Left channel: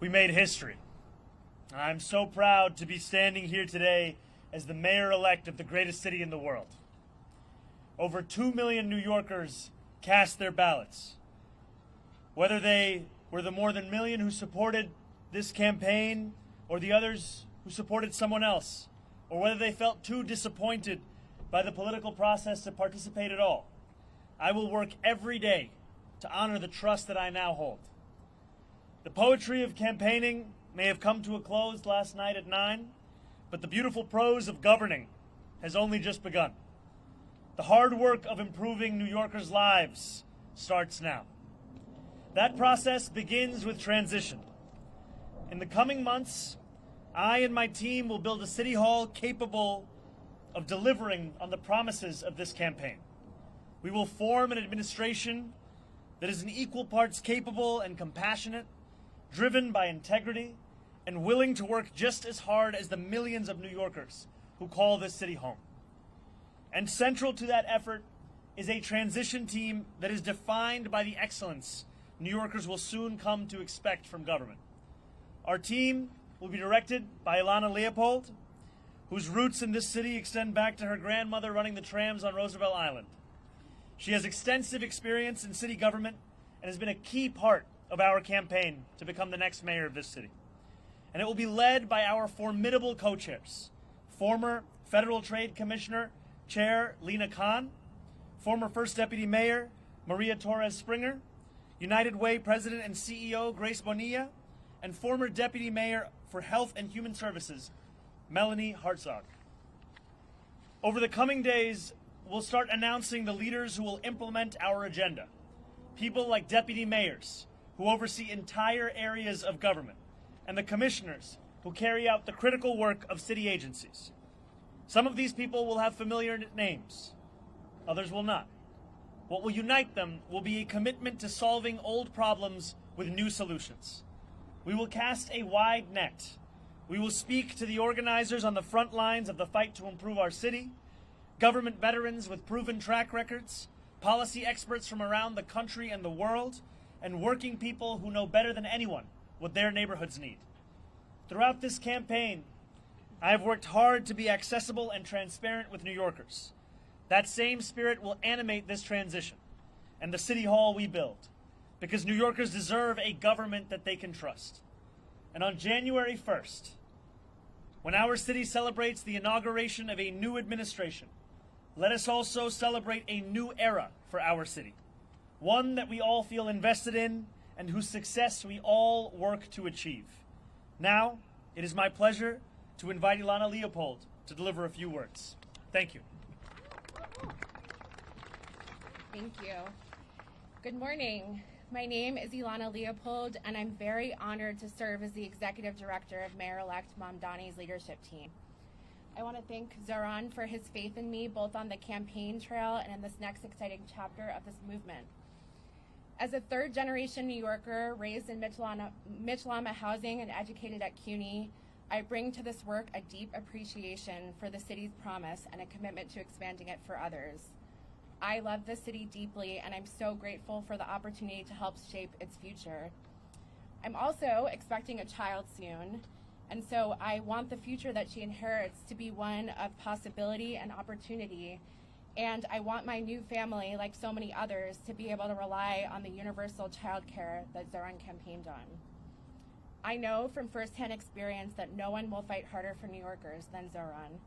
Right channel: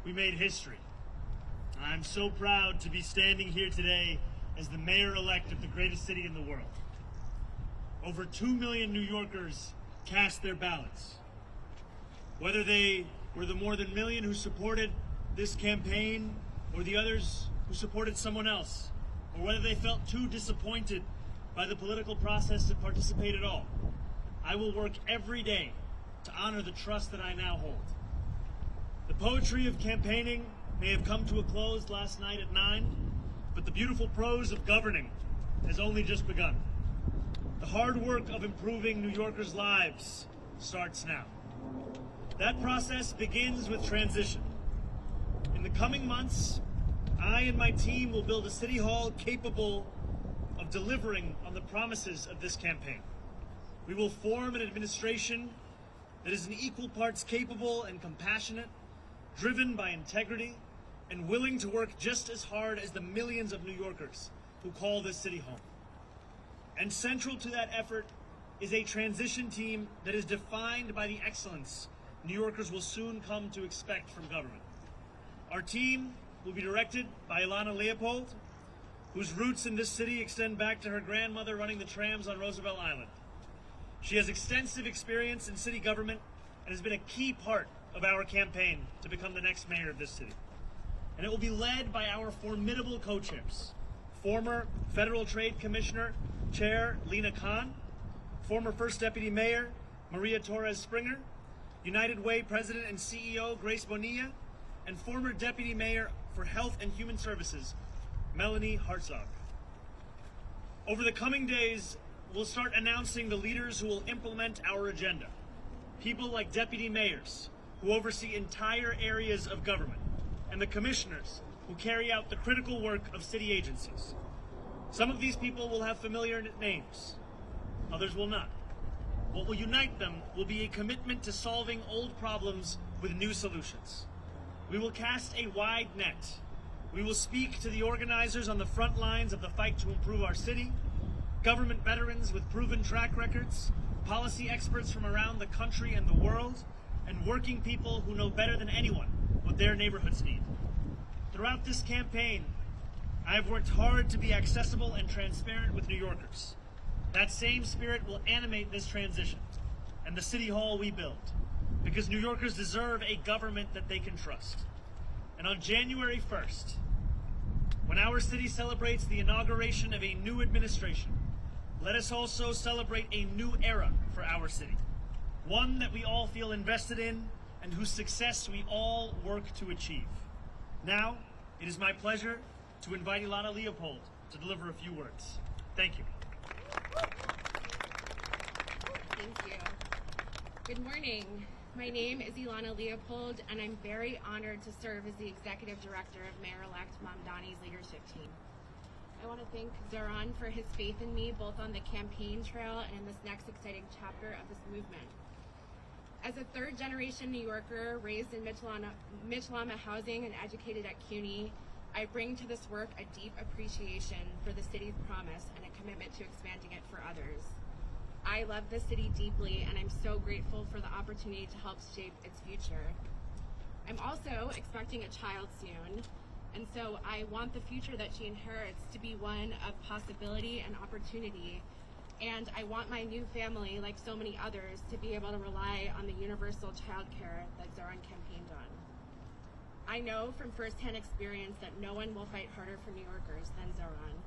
We made history. And I'm so proud to be standing here today as the mayor-elect of the greatest city in the world. Over 2 million New Yorkers cast their ballots. Whether they were the more than a million who supported this campaign or the others who supported someone else, or whether they felt too disappointed by the political process to participate at all, I will work every day to honor the trust that I now hold. The poetry of campaigning may have come to a close last night at 9, but the beautiful prose of governing has only just begun. The hard work of improving New Yorkers' lives starts now. That process begins with transition. In the coming months, I and my team will build a city hall capable of delivering on the promises of this campaign. We will form an administration that is in equal parts capable and compassionate, driven by integrity, and willing to work just as hard as the millions of New Yorkers who call this city home. And central to that effort is a transition team that is defined by the excellence New Yorkers will soon come to expect from government. Our team will be directed by Ilana Leopold, whose roots in this city extend back to her grandmother running the trams on Roosevelt Island. She has extensive experience in city government and has been a key part of our campaign to become the next mayor of this city. And it will be led by our formidable co-chairs, former Federal Trade Commissioner Chair Lena Khan, former First Deputy Mayor Maria Torres Springer, United Way President and CEO Grace Bonilla, and former Deputy Mayor for Health and Human Services Melanie Hartzog. Over the coming days, we'll start announcing the leaders who will implement our agenda. People like deputy mayors, who oversee entire areas of government, and the commissioners, who carry out the critical work of city agencies. Some of these people will have familiar names, others will not. What will unite them will be a commitment to solving old problems with new solutions. We will cast a wide net. We will speak to the organizers on the front lines of the fight to improve our city, government veterans with proven track records, policy experts from around the country and the world, and working people who know better than anyone what their neighborhoods need. Throughout this campaign, I have worked hard to be accessible and transparent with New Yorkers. That same spirit will animate this transition and the city hall we build, because New Yorkers deserve a government that they can trust. And on January 1st, when our city celebrates the inauguration of a new administration, let us also celebrate a new era for our city, one that we all feel invested in and whose success we all work to achieve. Now, it is my pleasure to invite Ilana Leopold to deliver a few words. Thank you. Thank you. Good morning. My name is Zohran Leopold, and I'm very honored to serve as the Executive Director of Mayor-elect Mamdani's leadership team. I want to thank Zohran for his faith in me, both on the campaign trail and in this next exciting chapter of this movement. As a third-generation New Yorker raised in Mitchell-Lama housing and educated at CUNY, I bring to this work a deep appreciation for the city's promise and a commitment to expanding it for others. I love the city deeply, and I'm so grateful for the opportunity to help shape its future. I'm also expecting a child soon, and so I want the future that she inherits to be one of possibility and opportunity. And I want my new family, like so many others, to be able to rely on the universal child care that Zohran campaigned on. I know from firsthand experience that no one will fight harder for New Yorkers than Zohran.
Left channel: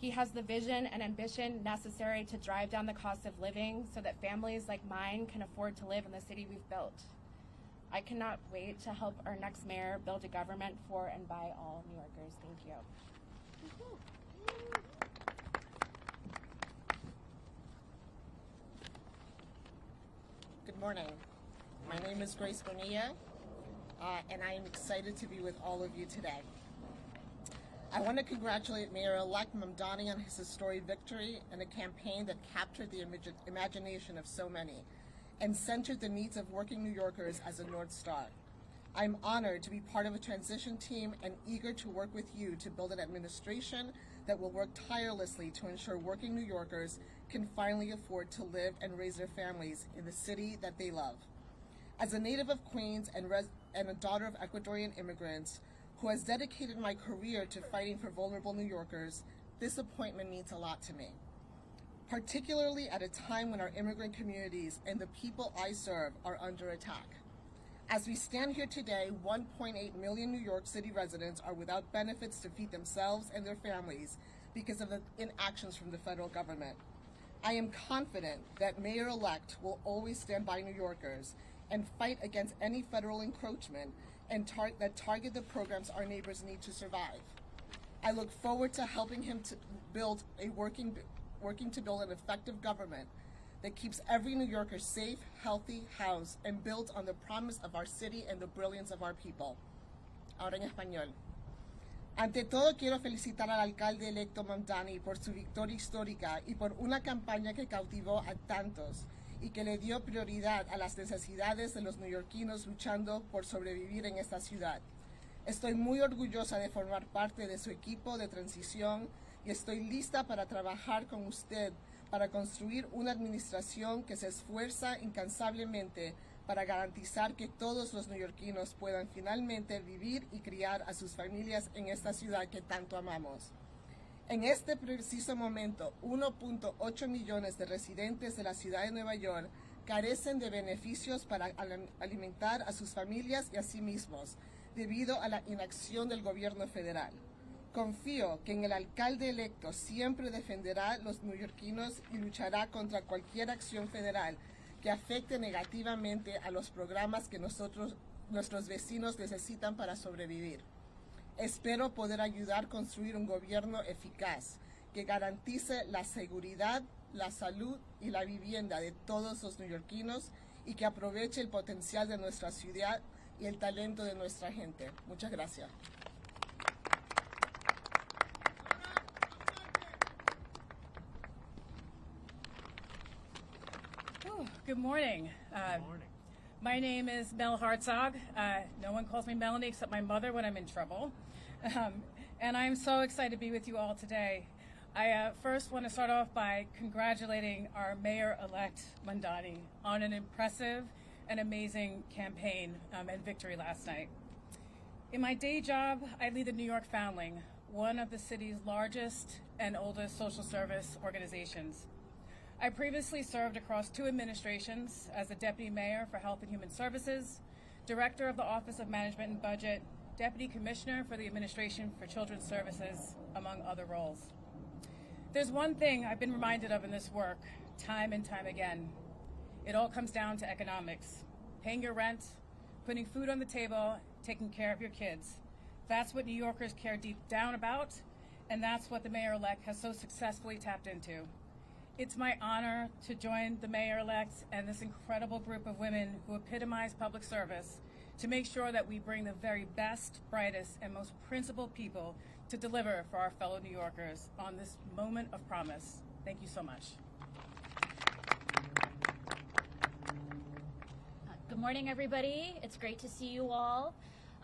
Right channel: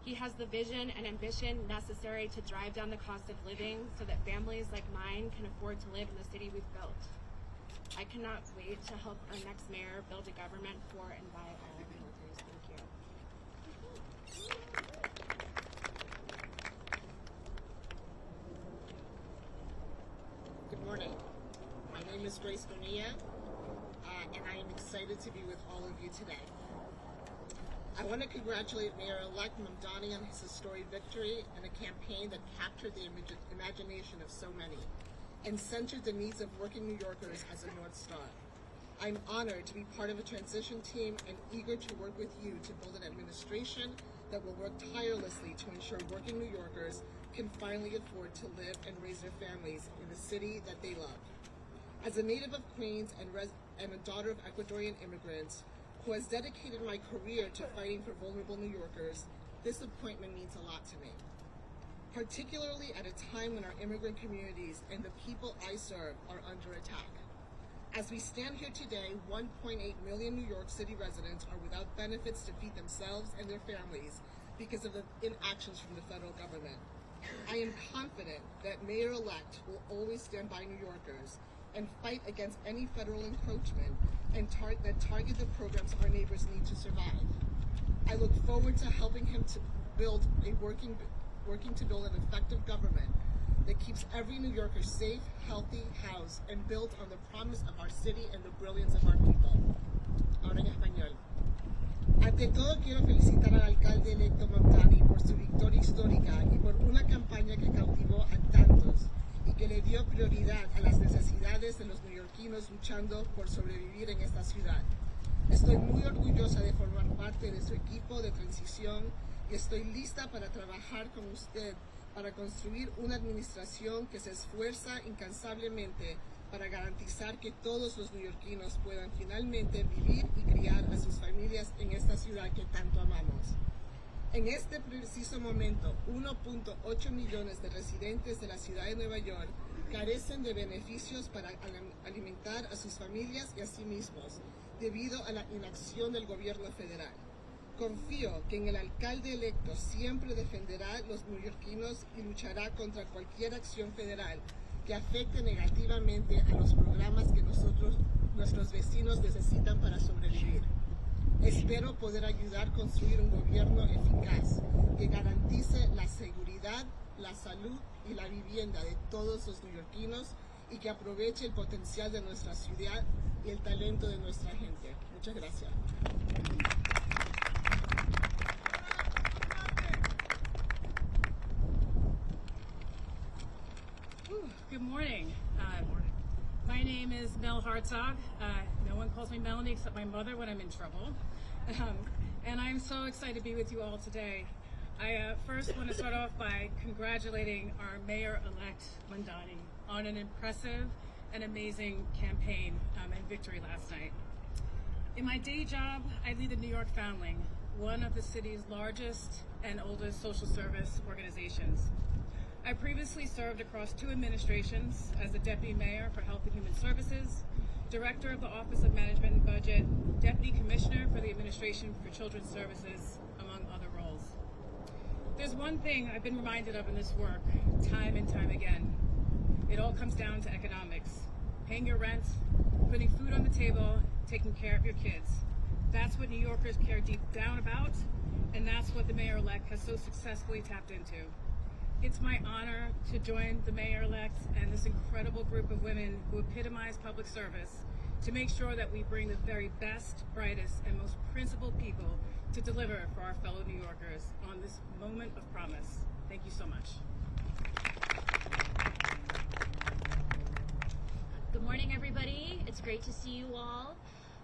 He has the vision and ambition necessary to drive down the cost of living so that families like mine can afford to live in the city we've built. I cannot wait to help our next mayor build a government for and by all New Yorkers. Thank you. Good morning. My name is Grace Bonilla, and I am excited to be with all of you today. I want to congratulate Mayor-elect Mamdani on his historic victory and a campaign that captured the imagination of so many and centered the needs of working New Yorkers as a North Star. I'm honored to be part of the transition team and eager to work with you to build an administration that will work tirelessly to ensure working New Yorkers can finally afford to live and raise their families in the city that they love. As a native of Queens and a daughter of Ecuadorian immigrants who has dedicated my career to fighting for vulnerable New Yorkers, this appointment means a lot to me, particularly at a time when our immigrant communities and the people I serve are under attack. As we stand here today, 1.8 million New York City residents are without benefits to feed themselves and their families because of the inactions from the federal government. I am confident that Mayor-elect will always stand by New Yorkers and fight against any federal encroachment and that target the programs our neighbors need to survive. I look forward to helping him to build a working to build an effective government that keeps every New Yorker safe, healthy, housed, and built on the promise of our city and the brilliance of our people. Ahora en español. Ante todo, quiero felicitar al alcalde electo Mamdani por su victoria histórica y por una campaña que cautivó a tantos y que le dio prioridad a las necesidades de los neoyorquinos luchando por sobrevivir en esta ciudad. Estoy muy orgullosa de formar parte de su equipo de transición y estoy lista para trabajar con usted para construir una administración que se esfuerza incansablemente para garantizar que todos los neoyorquinos puedan finalmente vivir y criar a sus familias en esta ciudad que tanto amamos. En este preciso momento, 1.8 millones de residentes de la ciudad de Nueva York carecen de beneficios para alimentar a sus familias y a sí mismos, debido a la inacción del gobierno federal. Confío que en el alcalde electo siempre defenderá a los neoyorquinos y luchará contra cualquier acción federal que afecte negativamente a los programas que nuestros vecinos necesitan para sobrevivir. Espero poder ayudar a construir un gobierno eficaz que garantice la seguridad, la salud y la vivienda de todos los neoyorquinos y que aproveche el potencial de nuestra ciudad y el talento de nuestra gente. Muchas gracias. Good morning. My name is Mel Hartzog. No one calls me Melanie except my mother when I'm in trouble. And I'm so excited to be with you all today. I first want to start off by congratulating our Mayor-elect Mamdani on an impressive and amazing campaign and victory last night. In my day job, I lead the New York Foundling, one of the city's largest and oldest social service organizations. I previously served across 2 administrations as a deputy mayor for Health and Human Services, director of the Office of Management and Budget, deputy commissioner for the Administration for Children's Services, among other roles. There's one thing I've been reminded of in this work, time and time again. It all comes down to economics. Paying your rent, putting food on the table, taking care of your kids. That's what New Yorkers care deep down about, and that's what the mayor-elect has so successfully tapped into. It's my honor to join the mayor-elect and this incredible group of women who epitomize public service to make sure that we bring the very best, brightest, and most principled people to deliver for our fellow New Yorkers on this moment of promise. Thank you so much. Good morning, everybody. It's great to see you all.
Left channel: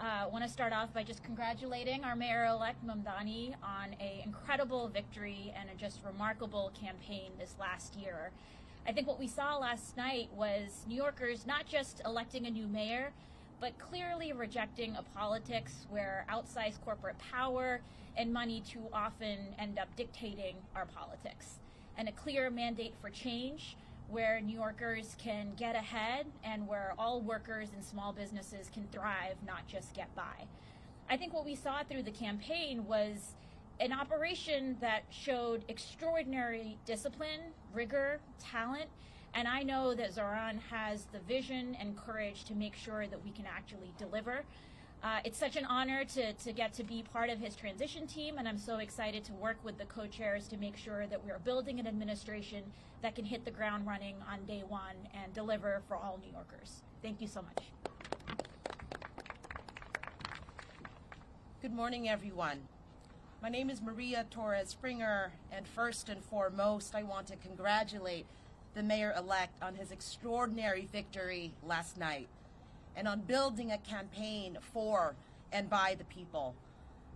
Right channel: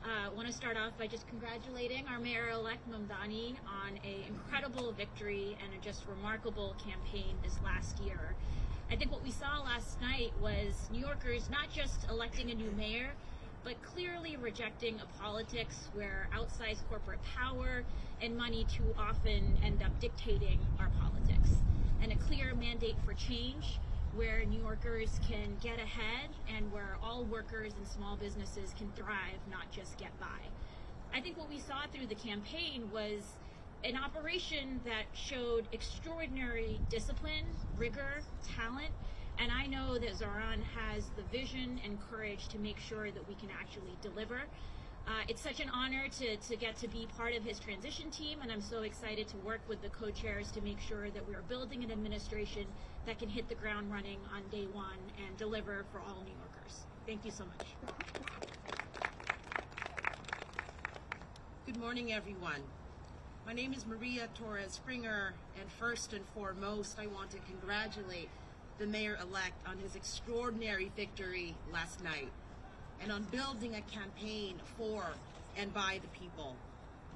I want to start off by just congratulating our Mayor-elect Mamdani on an incredible victory and a just remarkable campaign this last year. I think what we saw last night was New Yorkers not just electing a new mayor, but clearly rejecting a politics where outsized corporate power and money too often end up dictating our politics, and a clear mandate for change where New Yorkers can get ahead and where all workers and small businesses can thrive, not just get by. I think what we saw through the campaign was an operation that showed extraordinary discipline, rigor, talent, and I know that Zohran has the vision and courage to make sure that we can actually deliver. It's such an honor to get to be part of his transition team, and I'm so excited to work with the co-chairs to make sure that we're building an administration that can hit the ground running on day one and deliver for all New Yorkers. Thank you so much. Good morning, everyone. My name is Maria Torres Springer, and first and foremost, I want to congratulate the mayor-elect on his extraordinary victory last night and on building a campaign for and by the people.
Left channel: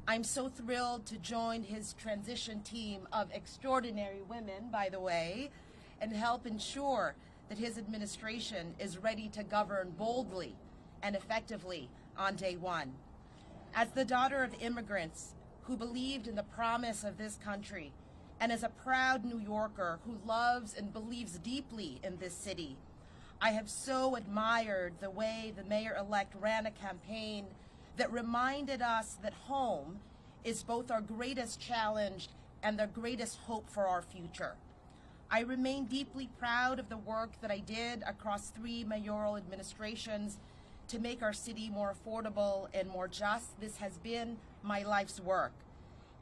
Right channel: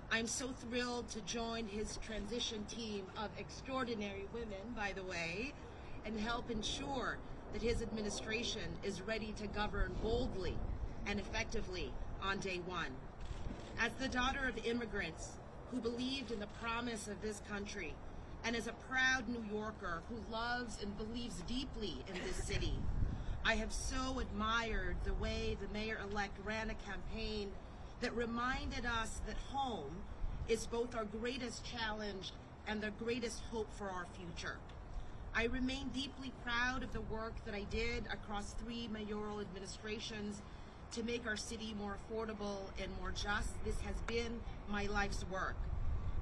I'm so thrilled to join his transition team of extraordinary women, by the way, and help ensure that his administration is ready to govern boldly and effectively on day one. As the daughter of immigrants who believed in the promise of this country, and as a proud New Yorker who loves and believes deeply in this city, I have so admired the way the mayor-elect ran a campaign that reminded us that home is both our greatest challenge and the greatest hope for our future. I remain deeply proud of the work that I did across 3 mayoral administrations to make our city more affordable and more just. This has been my life's work.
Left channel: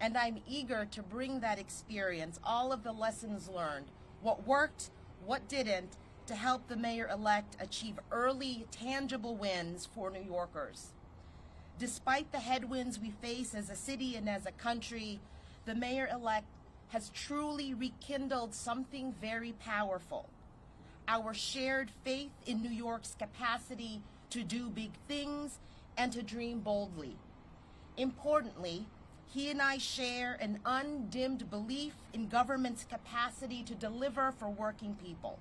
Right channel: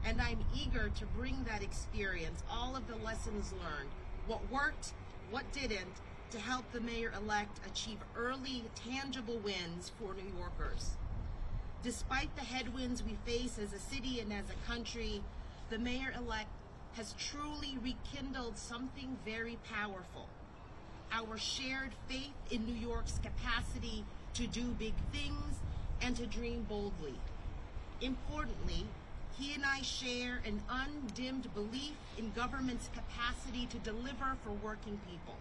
And I'm eager to bring that experience, all of the lessons learned, what worked, what didn't, to help the mayor-elect achieve early, tangible wins for New Yorkers. Despite the headwinds we face as a city and as a country, the mayor-elect has truly rekindled something very powerful: our shared faith in New York's capacity to do big things and to dream boldly. Importantly, he and I share an undimmed belief in government's capacity to deliver for working people,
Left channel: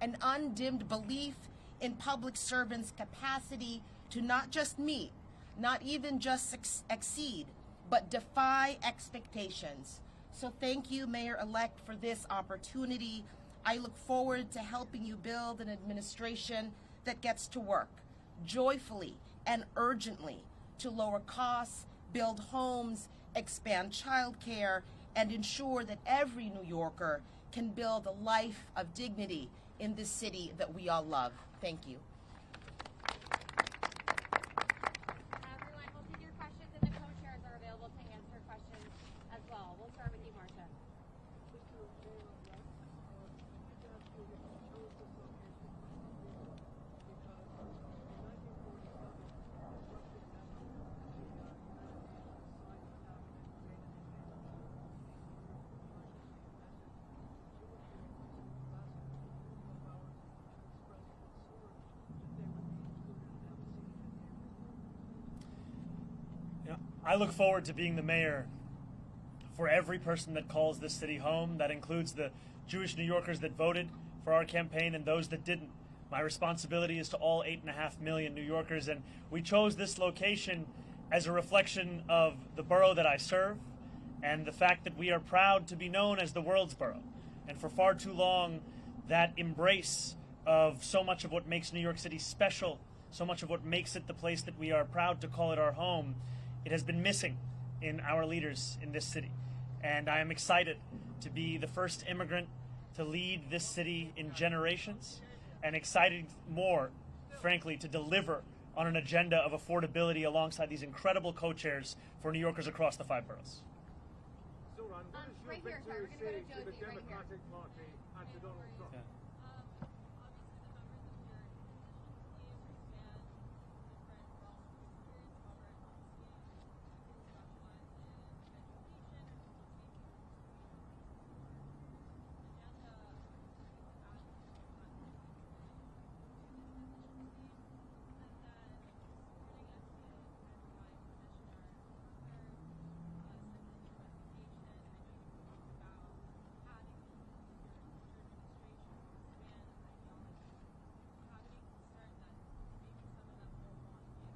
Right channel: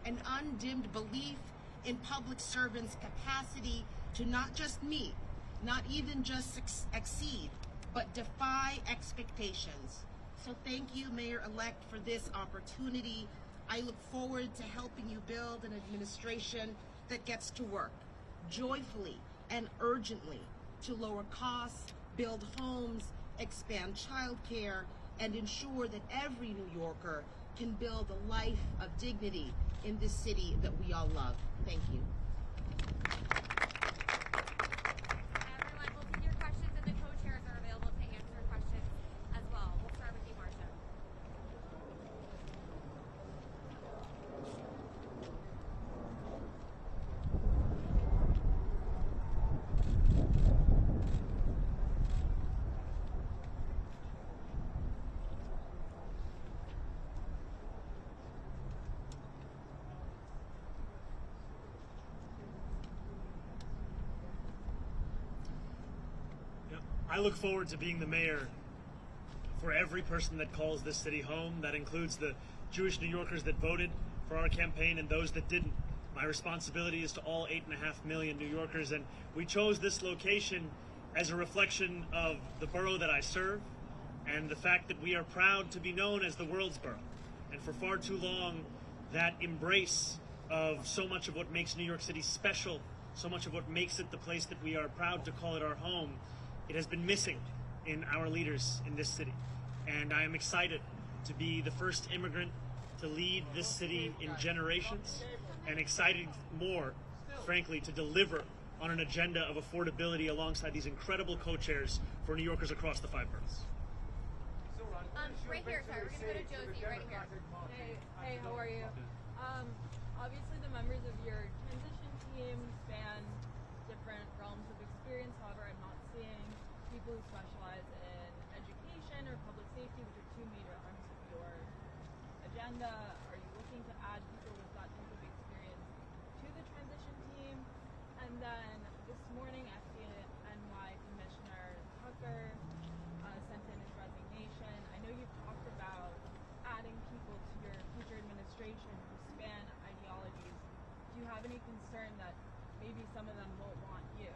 an undimmed belief in public servants' capacity to not just meet, not even just exceed, but defy expectations. So thank you, Mayor-elect, for this opportunity. I look forward to helping you build an administration that gets to work joyfully and urgently to lower costs, build homes, expand childcare, and ensure that every New Yorker can build a life of dignity in this city that we all love. Thank you. Everyone, we'll take your questions, and the co-chairs are available to answer questions as well. We'll start with you, Marcia. I look forward to being the mayor for every person that calls this city home. That includes the Jewish New Yorkers that voted for our campaign and those that didn't. My responsibility is to all 8.5 million New Yorkers, and we chose this location as a reflection of the borough that I serve and the fact that we are proud to be known as the world's borough. And for far too long, that embrace of so much of what makes New York City special, so much of what makes it the place that we are proud to call it our home, it has been missing in our leaders in this city. And I'm excited to be the first immigrant to lead this city in generations, and excited more, frankly, to deliver on an agenda of affordability alongside these incredible co-chairs for New Yorkers across the 5 boroughs. Right here, sorry, we're going to go to Josie right here. Hey, how are you? Obviously the members of your transition team span different realms of experience. However, I'm not seeing people who specialize in education or public safety, which are 2 major arms of your agenda. Are you looking to add people with that type of experience to the transition team? And then this morning, FDNY Commissioner Tucker sent in his resignation. I know you've talked about adding people to your future administration who span ideologies. Do you have any concern that maybe some of them won't want you?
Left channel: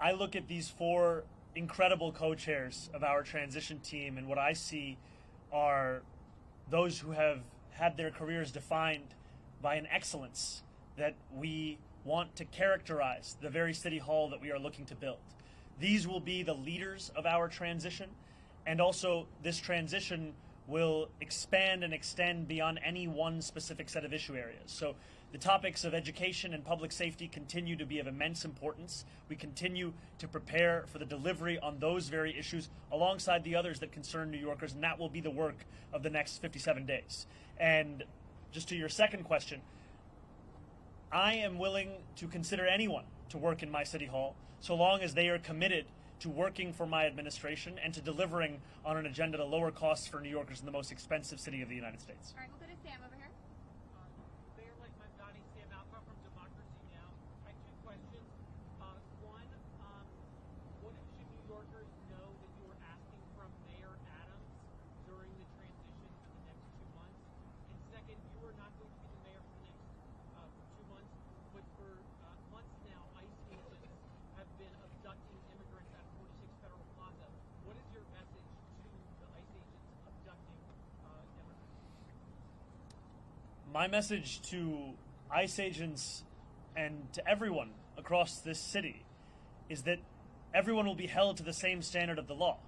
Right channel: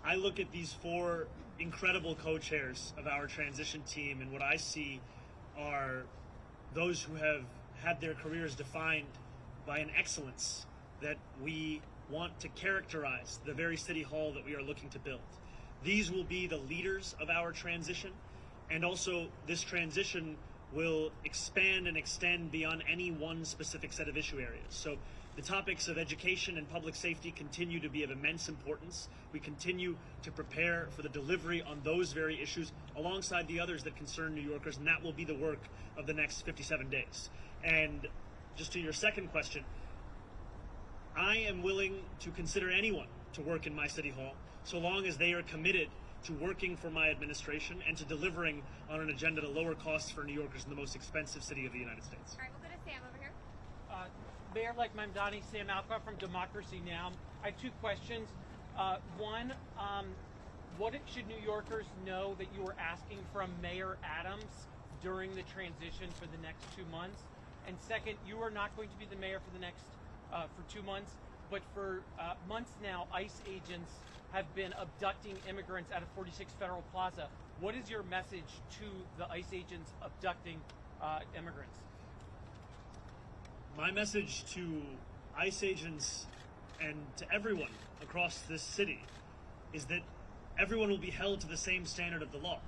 I look at these 4 incredible co-chairs of our transition team, and what I see are those who have had their careers defined by an excellence that we want to characterize the very city hall that we are looking to build. These will be the leaders of our transition, and also this transition will expand and extend beyond any one specific set of issue areas. So the topics of education and public safety continue to be of immense importance. We continue to prepare for the delivery on those very issues alongside the others that concern New Yorkers, and that will be the work of the next 57 days. And just to your second question, I am willing to consider anyone to work in my city hall so long as they are committed to working for my administration and to delivering on an agenda to lower costs for New Yorkers in the most expensive city of the United States. All right, we'll go to Sam over here. Mayor-elect Mamdani, Sam Alcock from Democracy Now! I have 2 questions. One, what should New Yorkers know that you are asking from Mayor Adams during the transition for the next 2 months? And second, you are not going to be the mayor for the next for 2 months, but for months now, ICE agents have been abducting immigrants out of 46 Federal Plaza. What is your message to the ICE agents abducting immigrants? My message to ICE agents and to everyone across this city is that everyone will be held to the same standard of the law.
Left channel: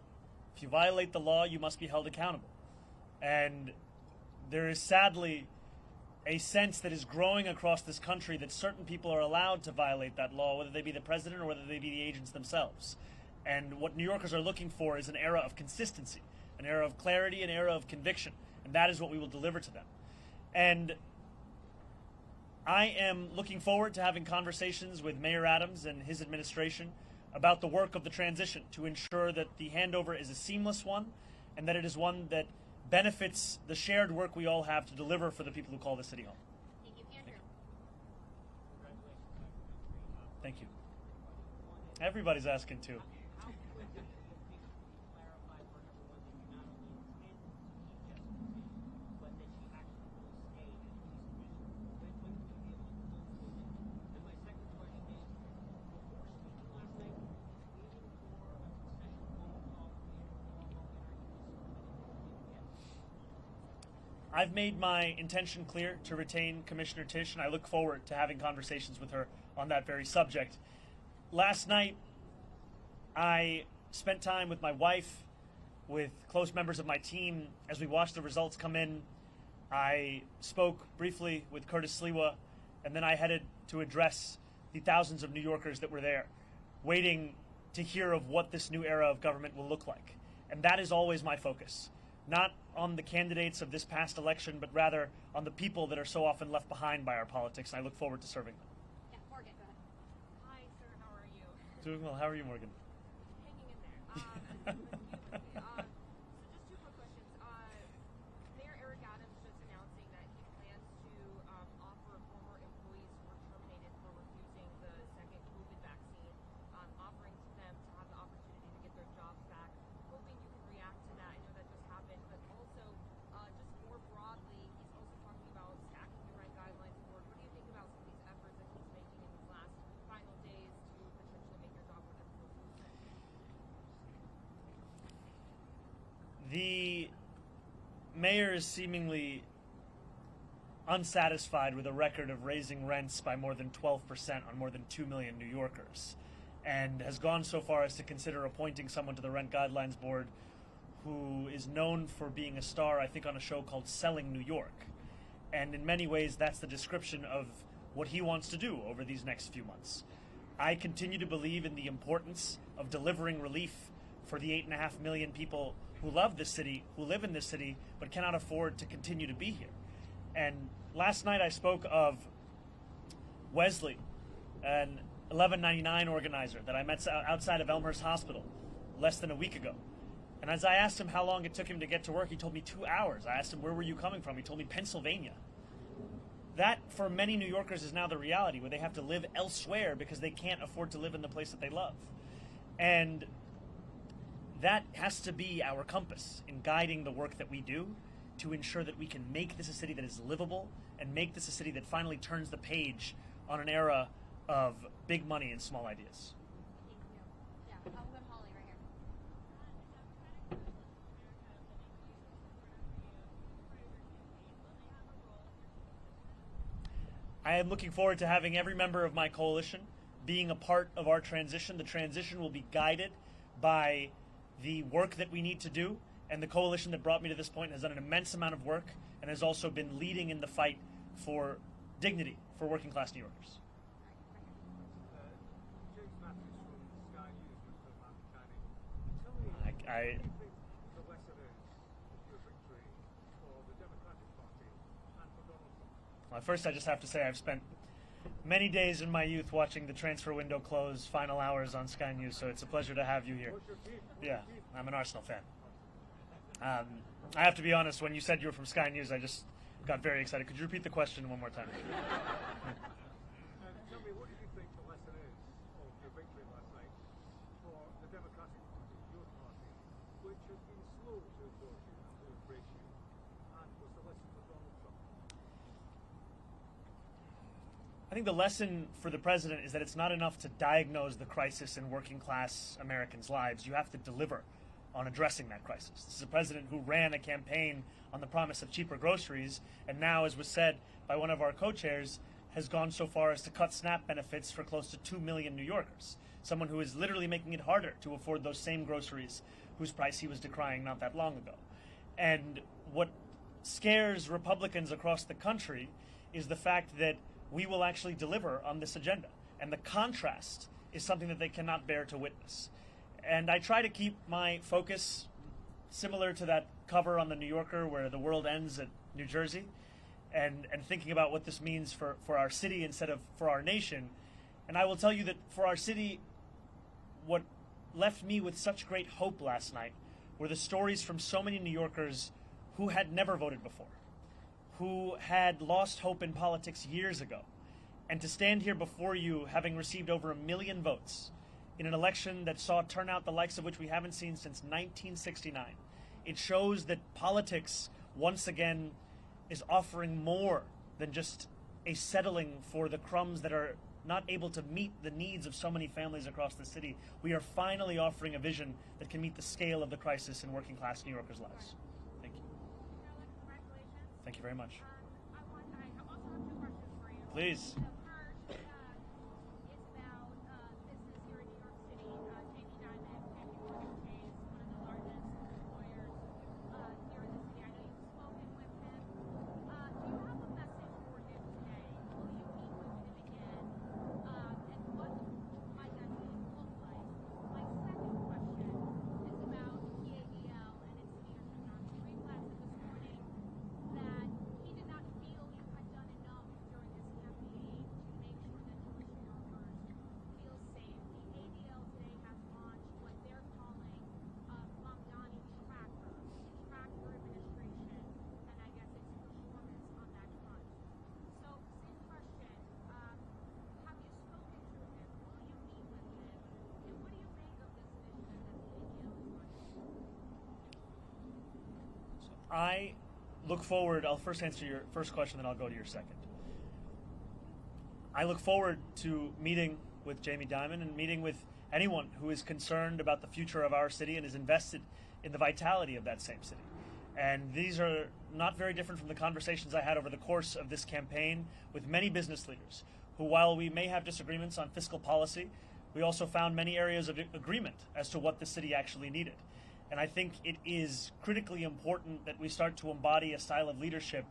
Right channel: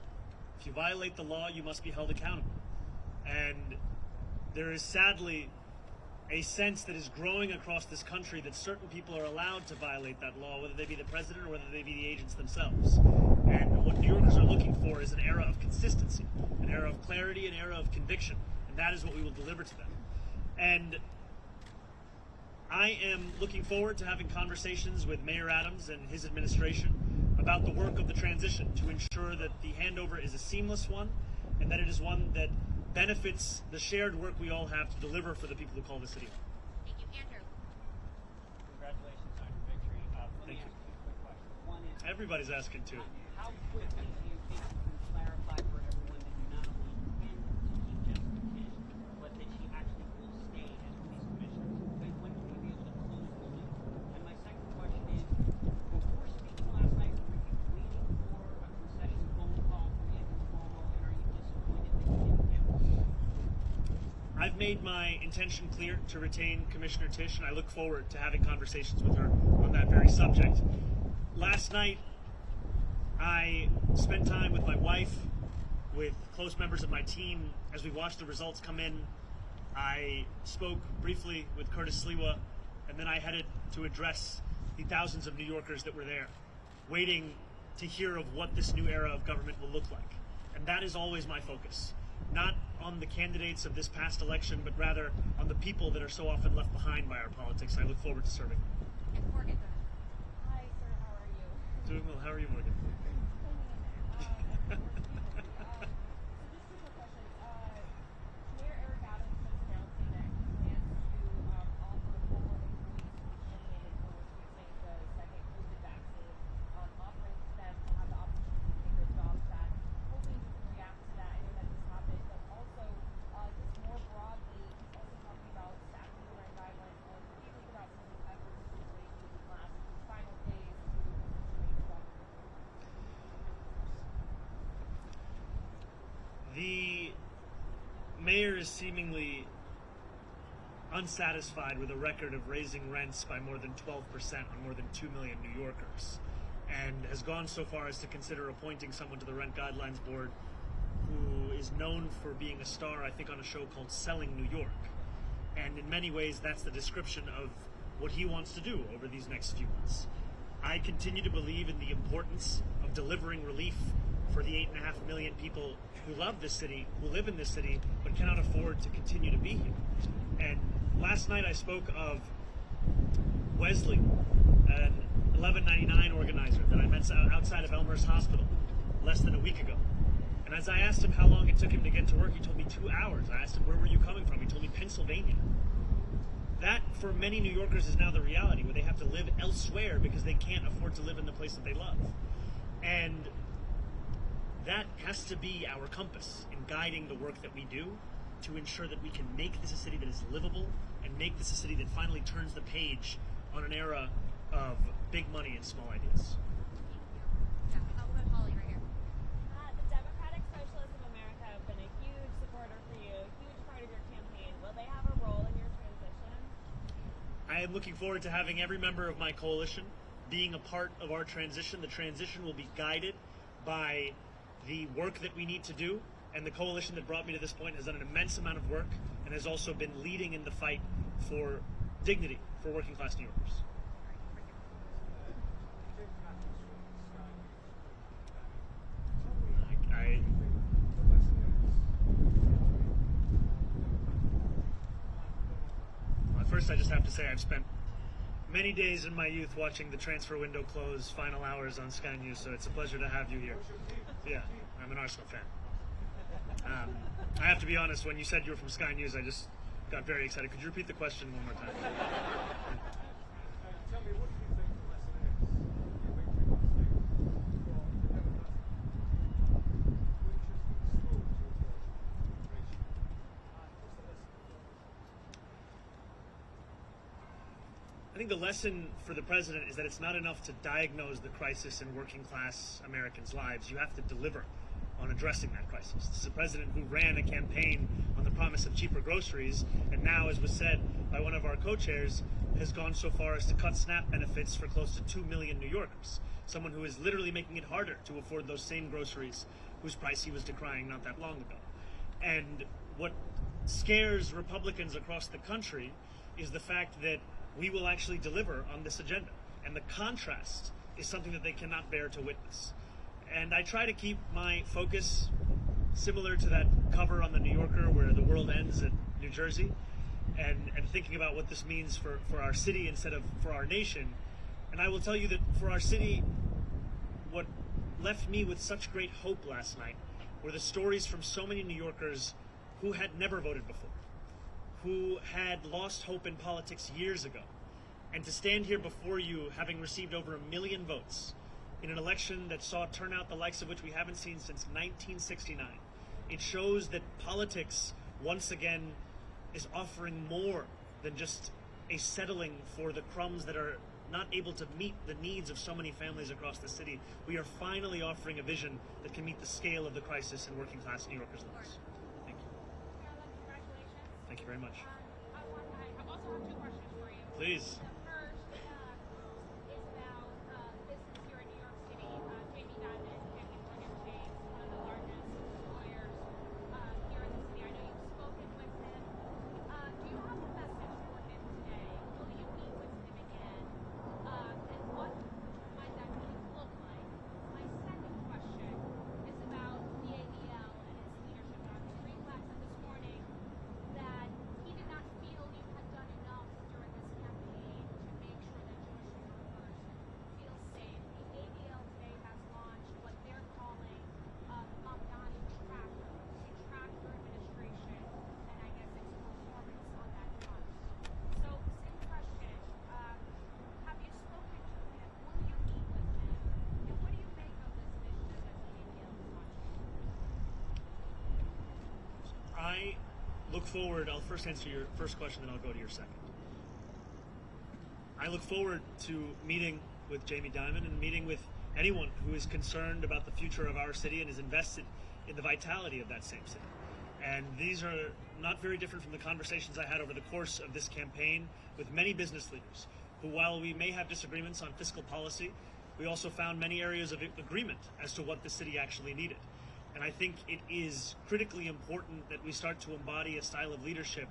If you violate the law, you must be held accountable. And there is sadly a sense that is growing across this country that certain people are allowed to violate that law, whether they be the president or whether they be the agents themselves. And what New Yorkers are looking for is an era of consistency, an era of clarity, an era of conviction. And that is what we will deliver to them. And I am looking forward to having conversations with Mayor Adams and his administration about the work of the transition to ensure that the handover is a seamless one and that it is one that benefits the shared work we all have to deliver for the people who call the city home. Thank you, Andrew. Congratulations on your victory. Thank you. Quick question. One is, Everybody's asking too. how quickly do you think you can clarify for everyone that you not only intend to keep Jessica Tisch, but that she actually will stay as police commissioner? When will you be able to close the loop? And my second question is, before speaking last night, were you waiting for a concession phone call from Andrew Cuomo, and are you disappointed that you didn't get one? I've made my intention clear to retain Commissioner Tisch, and I look forward to having conversations with her on that very subject. Last night, I spent time with my wife, with close members of my team, as we watched the results come in. I spoke briefly with Curtis Sliwa, and then I headed to address the thousands of New Yorkers that were there, waiting to hear of what this new era of government will look like. And that is always my focus. Not on the candidates of this past election, but rather on the people that are so often left behind by our politics. I look forward to serving. And Morgan. Hi, sir. How are you? Doing well. How are you, Morgan? Hanging in there. So just two more questions. Mayor Eric Adams is announcing that he plans to offer former employees who participated or refusing the second COVID vaccine, offering them to have the opportunity to get their jobs back. Hoping you can react to that. I know that this happened, but also just more broadly, he's also talking about stacking the rent guidelines more. What do you think about some of these efforts that he's making these last final days to potentially make your job more difficult? The mayor is seemingly unsatisfied with a record of raising rents by more than 12% on more than 2 million New Yorkers, and has gone so far as to consider appointing someone to the Rent Guidelines Board who is known for being a star, I think, on a show called Selling New York. And in many ways, that's the description of what he wants to do over these next few months. I continue to believe in the importance of delivering relief for the 8.5 million people who love this city, who live in this city, but cannot afford to continue to be here. And last night I spoke of Wesley, an 1199 organizer that I met outside of Elmhurst Hospital less than a week ago. And as I asked him how long it took him to get to work, he told me 2 hours. I asked him, where were you coming from? He told me Pennsylvania. That, for many New Yorkers, is now the reality, where they have to live elsewhere because they can't afford to live in the place that they love. And that has to be our compass in guiding the work that we do to ensure that we can make this a city that is livable and make this a city that finally turns the page on an era of big money and small ideas. Yeah, how about Holly right here? The Democratic Socialists of America have been a huge supporter for you, a huge part of your campaign. Will they have a role in your transition? I am looking forward to having every member of my coalition being a part of our transition. The transition will be guided by the work that we need to do, and the coalition that brought me to this point has done an immense amount of work and has also been leading in the fight for dignity for working class New Yorkers. Well, first I just have to say I've spent many days in my youth watching the transfer window close, final hours on Sky News, so it's a pleasure to have you here. Yeah, I'm an Arsenal fan. I have to be honest, when you said you were from Sky News, I just got very excited. Could you repeat the question one more time? Tell me, what do you think the lesson is of your victory last night for the Democrats, which has been slow to approach immigration? And what's the lesson for Donald Trump? think the lesson for the president is that it's not enough to diagnose the crisis in working class Americans' lives. You have to deliver on addressing that crisis. This is a president who ran a campaign on the promise of cheaper groceries, and now, as was said by one of our co-chairs, has gone so far as to cut SNAP benefits for close to 2 million New Yorkers. Someone who is literally making it harder to afford those same groceries whose price he was decrying not that long ago. And what scares Republicans across the country is the fact that we will actually deliver on this agenda. And the contrast is something that they cannot bear to witness. And I try to keep my focus similar to that cover on the New Yorker where the world ends at New Jersey, and thinking about what this means for our city instead of for our nation. And I will tell you that for our city, what left me with such great hope last night were the stories from so many New Yorkers who had never voted before, who had lost hope in politics years ago. And to stand here before you, having received over 1 million votes in an election that saw a turnout the likes of which we haven't seen since 1969, it shows that politics, once again, is offering more than just a settling for the crumbs that are not able to meet the needs of so many families across the city. We are finally offering a vision that can meet the scale of the crisis in working class New Yorkers' lives. Thank you. Thank you very much. I also have 2 questions for you. Please. The first is about business here in New York City. Jamie Dimon and N18G, one of the largest employers here in the city. I know you've spoken with him. Do you have a message for him today? Will you meet with him again? And what might that meeting look like? My second question is about the ADL and its leadership. Dr. Greenblatt said this morning that he did not feel you had done enough during this campaign to make sure that Jewish workers feel safe. The ADL today has launched what they're calling Mamdani trackers to track your administration and I guess its performance on that front. So, same question. Have you spoken to him? Will you meet with him? And what do you make of this initiative that the ADL is launching? I look forward, I'll first answer your first question and I'll go to your second. I look forward to meeting with Jamie Dimon and meeting with anyone who is concerned about the future of our city and is invested in the vitality of that same city. And these are not very different from the conversations I had over the course of this campaign with many business leaders who, while we may have disagreements on fiscal policy, we also found many areas of agreement as to what the city actually needed. And I think it is critically important that we start to embody a style of leadership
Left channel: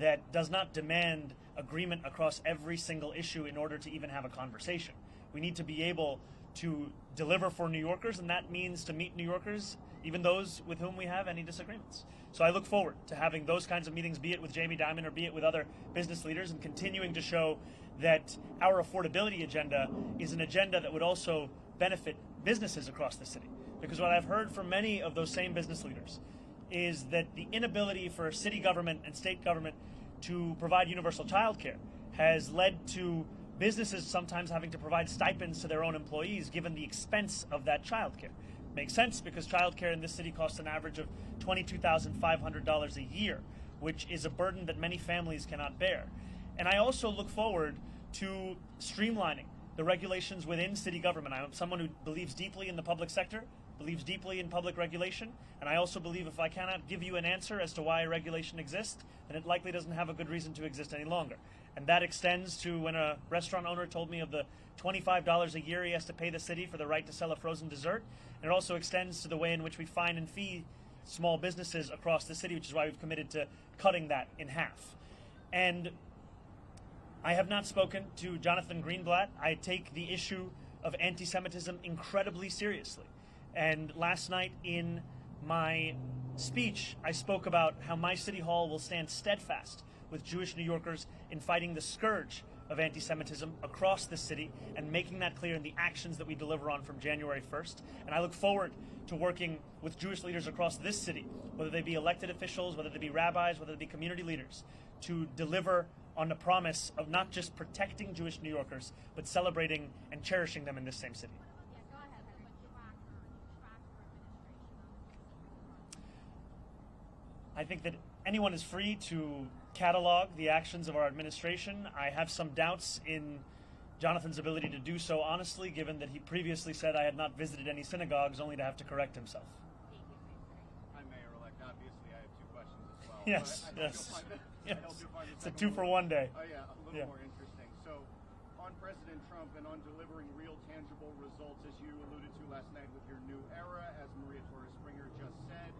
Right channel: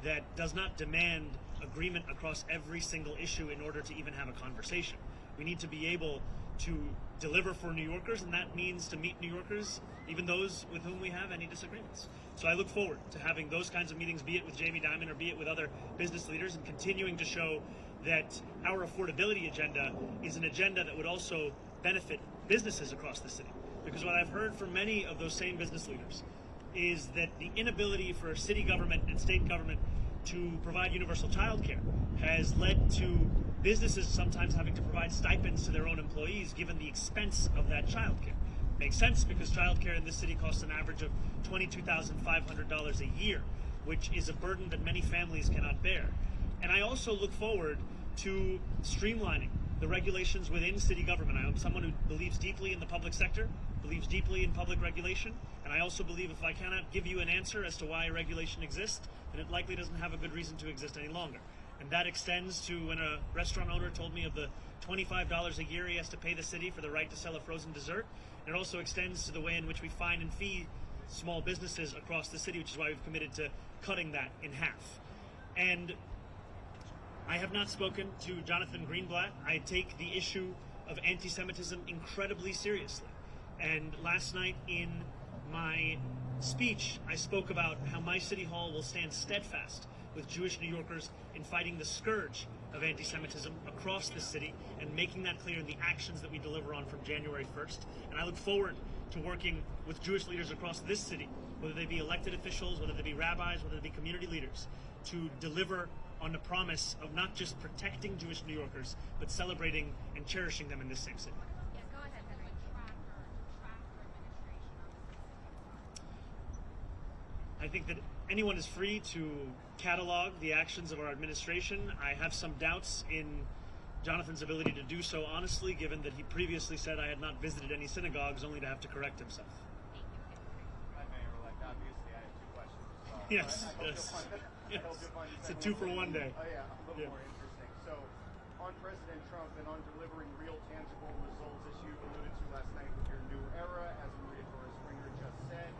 that does not demand agreement across every single issue in order to even have a conversation. We need to be able to deliver for New Yorkers, and that means to meet New Yorkers, even those with whom we have any disagreements. So I look forward to having those kinds of meetings, be it with Jamie Dimon or be it with other business leaders, and continuing to show that our affordability agenda is an agenda that would also benefit businesses across the city. Because what I've heard from many of those same business leaders is that the inability for city government and state government to provide universal child care has led to businesses sometimes having to provide stipends to their own employees given the expense of that child care. Makes sense because child care in this city costs an average of $22,500 a year, which is a burden that many families cannot bear. And I also look forward to streamlining the regulations within city government. I am someone who believes deeply in the public sector, believes deeply in public regulation, and I also believe if I cannot give you an answer as to why a regulation exists, then it likely doesn't have a good reason to exist any longer. And that extends to when a restaurant owner told me of the $25 a year he has to pay the city for the right to sell a frozen dessert. And it also extends to the way in which we fine and fee small businesses across the city, which is why we've committed to cutting that in half. And I have not spoken to Jonathan Greenblatt. I take the issue of anti-Semitism incredibly seriously. And last night in my speech, I spoke about how my city hall will stand steadfast with Jewish New Yorkers in fighting the scourge of anti-Semitism across the city and making that clear in the actions that we deliver on from January 1st. And I look forward to working with Jewish leaders across this city, whether they be elected officials, whether they be rabbis, whether they be community leaders, to deliver on the promise of not just protecting Jewish New Yorkers, but celebrating and cherishing them in this same city. Yeah, go ahead. Tracker administration. I think that anyone is free to catalog the actions of our administration. I have some doubts in Jonathan's ability to do so honestly, given that he previously said I had not visited any synagogues, only to have to correct himself. Hi, Mayor-elect. Obviously, I have two questions as well. Yes, I hope you'll find it's a 2-for-1 day. Oh, yeah, a little more interesting. So, on President Trump and on delivering real, tangible results, as you alluded to last night with your new era, as Maria Torres-Springer just said,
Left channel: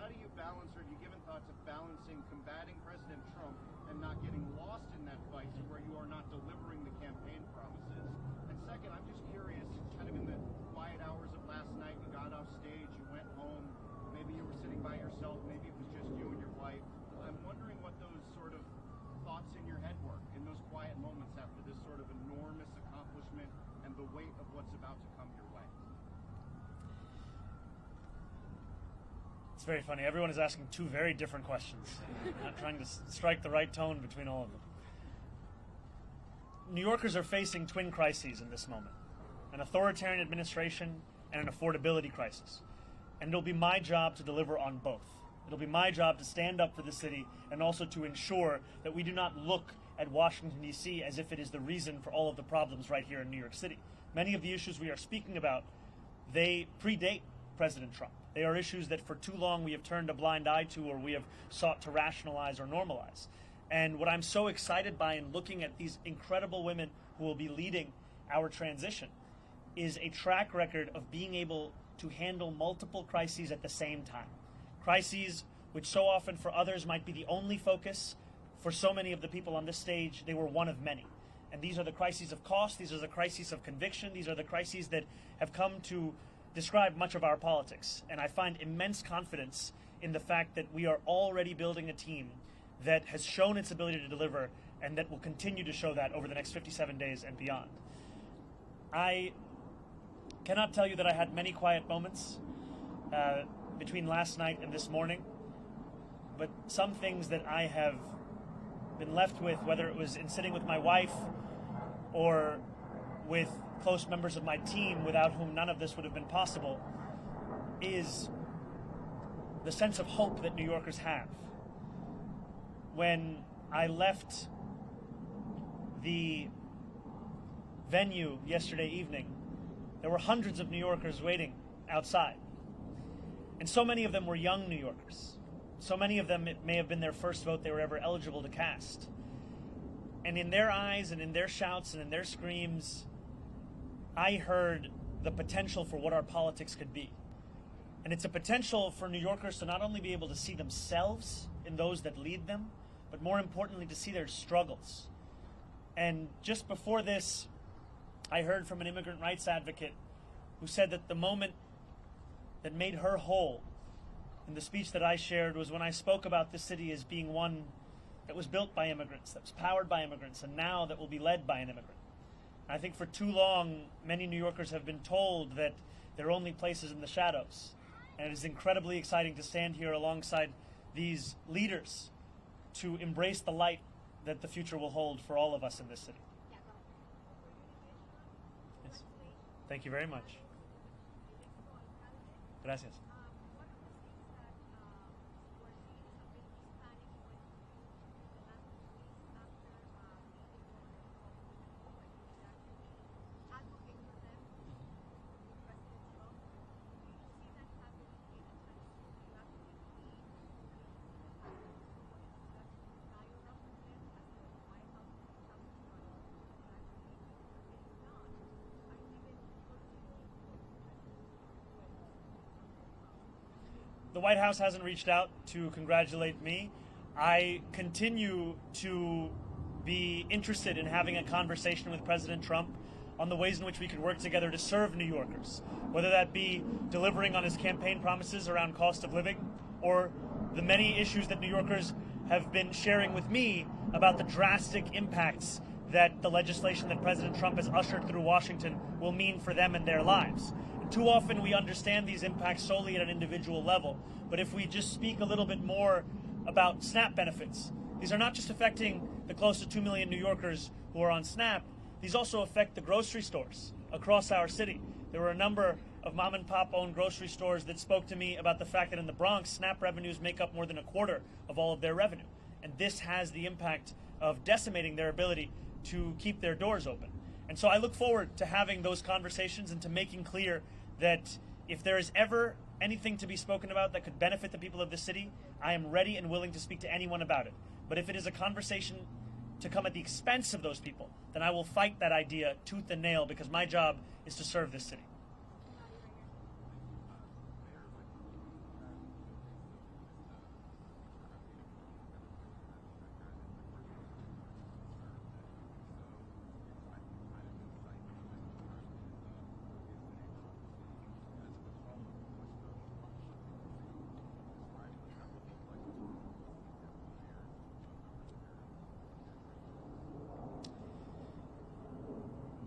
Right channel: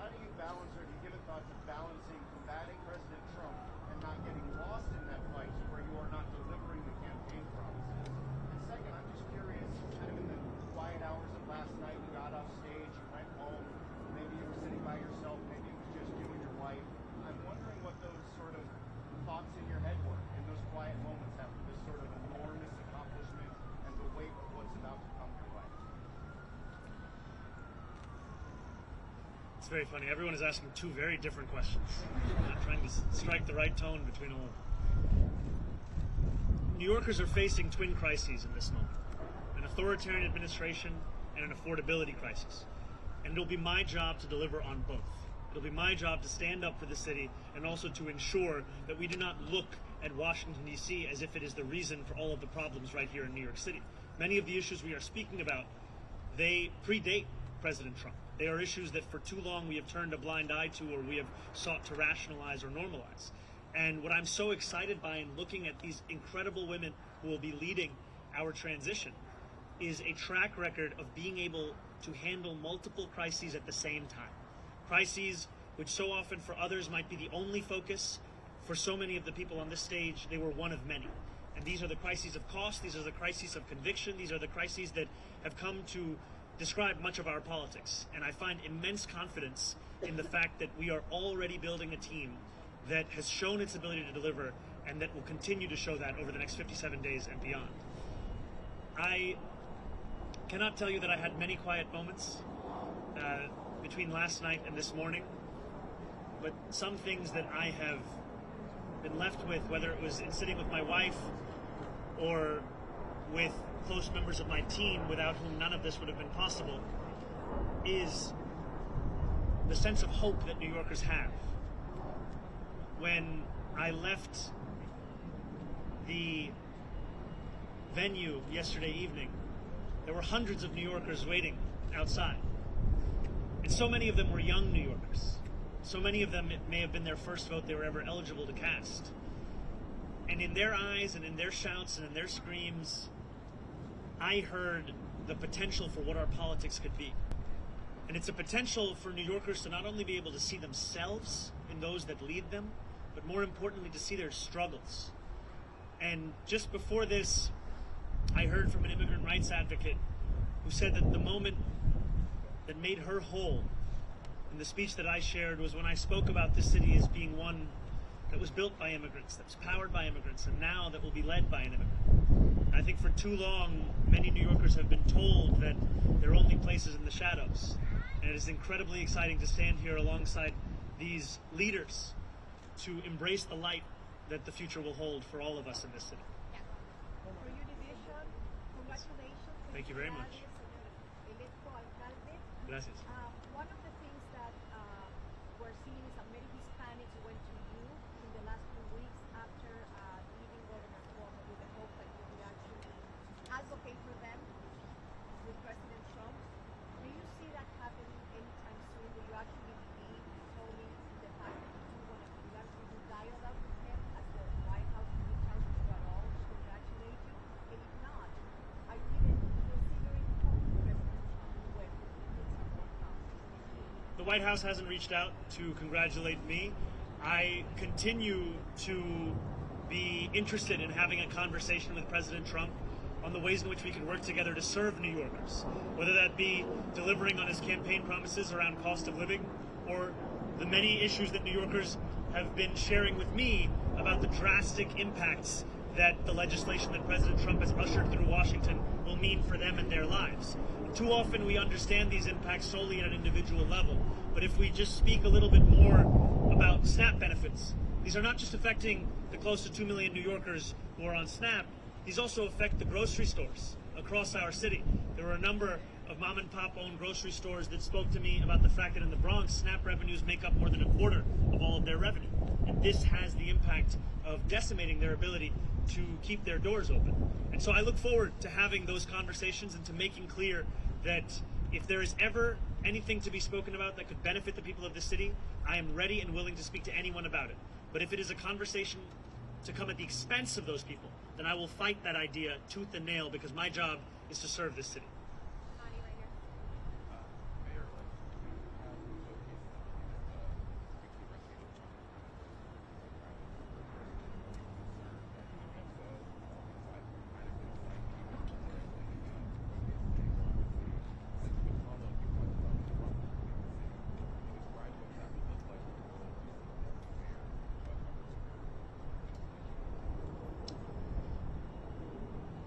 how do you balance, or have you given thought to balancing combating President Trump and not getting lost in that fight where you are not delivering the campaign promises? And second, I'm just curious, kind of in the quiet hours of last night, you got off stage, you went home, maybe you were sitting by yourself, maybe it was just you and your wife. I'm wondering what those sort of thoughts in your head were in those quiet moments after this sort of enormous accomplishment and the weight of what's about to come your way. It's very funny. Everyone is asking two very different questions. I'm trying to strike the right tone between all of them. New Yorkers are facing twin crises in this moment: an authoritarian administration and an affordability crisis. And it'll be my job to deliver on both. It'll be my job to stand up for the city and also to ensure that we do not look at Washington, D.C. as if it is the reason for all of the problems right here in New York City. Many of the issues we are speaking about, they predate President Trump. They are issues that for too long we have turned a blind eye to, or we have sought to rationalize or normalize. And what I'm so excited by in looking at these incredible women who will be leading our transition is a track record of being able to handle multiple crises at the same time. Crises which so often for others might be the only focus. For so many of the people on this stage, they were one of many. And these are the crises of cost, these are the crises of conviction, these are the crises that have come to describe much of our politics. And I find immense confidence in the fact that we are already building a team that has shown its ability to deliver and that will continue to show that over the next 57 days and beyond. I cannot tell you that I had many quiet moments between last night and this morning, but some things that I have been left with, whether it was in sitting with my wife or with close members of my team without whom none of this would have been possible, is the sense of hope that New Yorkers have. When I left the venue yesterday evening, there were hundreds of New Yorkers waiting outside. And so many of them were young New Yorkers. So many of them, it may have been their first vote they were ever eligible to cast. And in their eyes and in their shouts and in their screams, I heard the potential for what our politics could be. And it's a potential for New Yorkers to not only be able to see themselves in those that lead them, but more importantly to see their struggles. And just before this, I heard from an immigrant rights advocate who said that the moment that made her whole in the speech that I shared was when I spoke about this city as being one that was built by immigrants, that was powered by immigrants, and now that will be led by an immigrant. I think for too long, many New Yorkers have been told that there are only places in the shadows. And it is incredibly exciting to stand here alongside these leaders to embrace the light that the future will hold for all of us in this city. For your division, congratulations. Thank you very much. Gracias. One of the things that we're seeing is that many Hispanics went to you in the last few weeks after leaving Governor Cuomo with the hope that you would actually advocate for them with President Trump. Do you see that happening anytime soon? Will you actually be owning the fact that you want to actually do dialogue with him as the White House reach out to you at all to congratulate you? And if not, are you even considering calling President Trump when The White House hasn't reached out to congratulate me. I continue to be interested in having a conversation with President Trump on the ways in which we can work together to serve New Yorkers, whether that be delivering on his campaign promises around cost of living, or the many issues that New Yorkers have been sharing with me about the drastic impacts that the legislation that President Trump has ushered through Washington will mean for them and their lives. Too often we understand these impacts solely at an individual level, but if we just speak a little bit more about SNAP benefits, these are not just affecting the close to 2 million New Yorkers who are on SNAP, these also affect the grocery stores across our city. There were a number of mom and pop owned grocery stores that spoke to me about the fact that in the Bronx, SNAP revenues make up more than a quarter of all of their revenue. And this has the impact of decimating their ability to keep their doors open. And so I look forward to having those conversations and to making clear that if there is ever anything to be spoken about that could benefit the people of the city, I am ready and willing to speak to anyone about it. But if it is a conversation to come at the expense of those people, then I will fight that idea tooth and nail, because my job is to serve this city.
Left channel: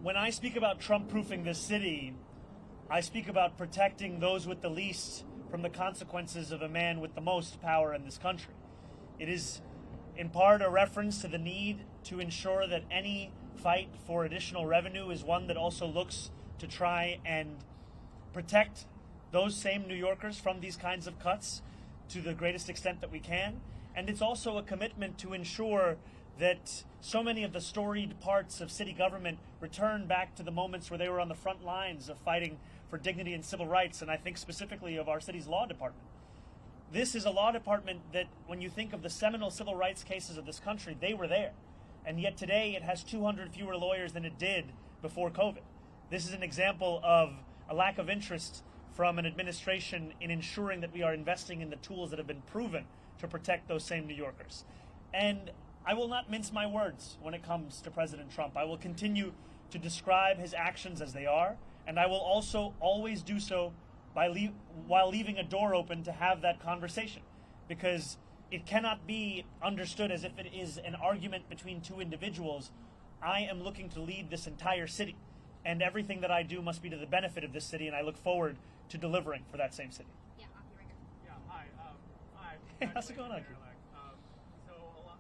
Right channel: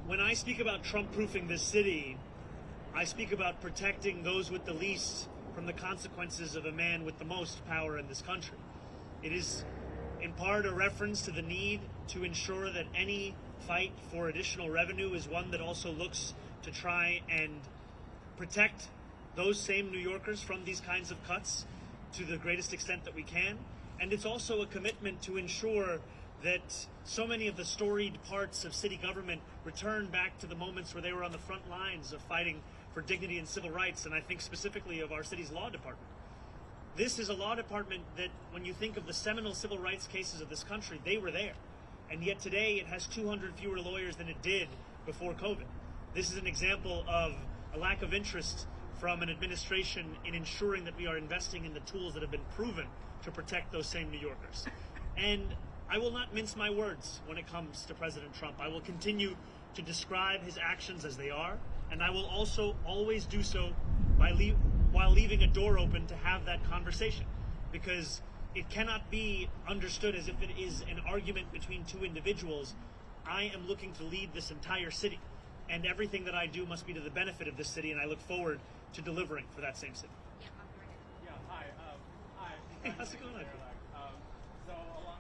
When I speak about Trump-proofing this city, I speak about protecting those with the least from the consequences of a man with the most power in this country. It is in part a reference to the need to ensure that any fight for additional revenue is one that also looks to try and protect those same New Yorkers from these kinds of cuts to the greatest extent that we can. And it's also a commitment to ensure that so many of the storied parts of city government return back to the moments where they were on the front lines of fighting for dignity and civil rights, and I think specifically of our city's law department. This is a law department that, when you think of the seminal civil rights cases of this country, they were there. And yet today it has 200 fewer lawyers than it did before COVID. This is an example of a lack of interest from an administration in ensuring that we are investing in the tools that have been proven to protect those same New Yorkers. And I will not mince my words when it comes to President Trump. I will continue to describe his actions as they are, and I will also always do so while leaving a door open to have that conversation, because it cannot be understood as if it is an argument between two individuals. I am looking to lead this entire city, and everything that I do must be to the benefit of this city, and I look forward to delivering for that same city. Yeah, hi. Hey, how's it going on?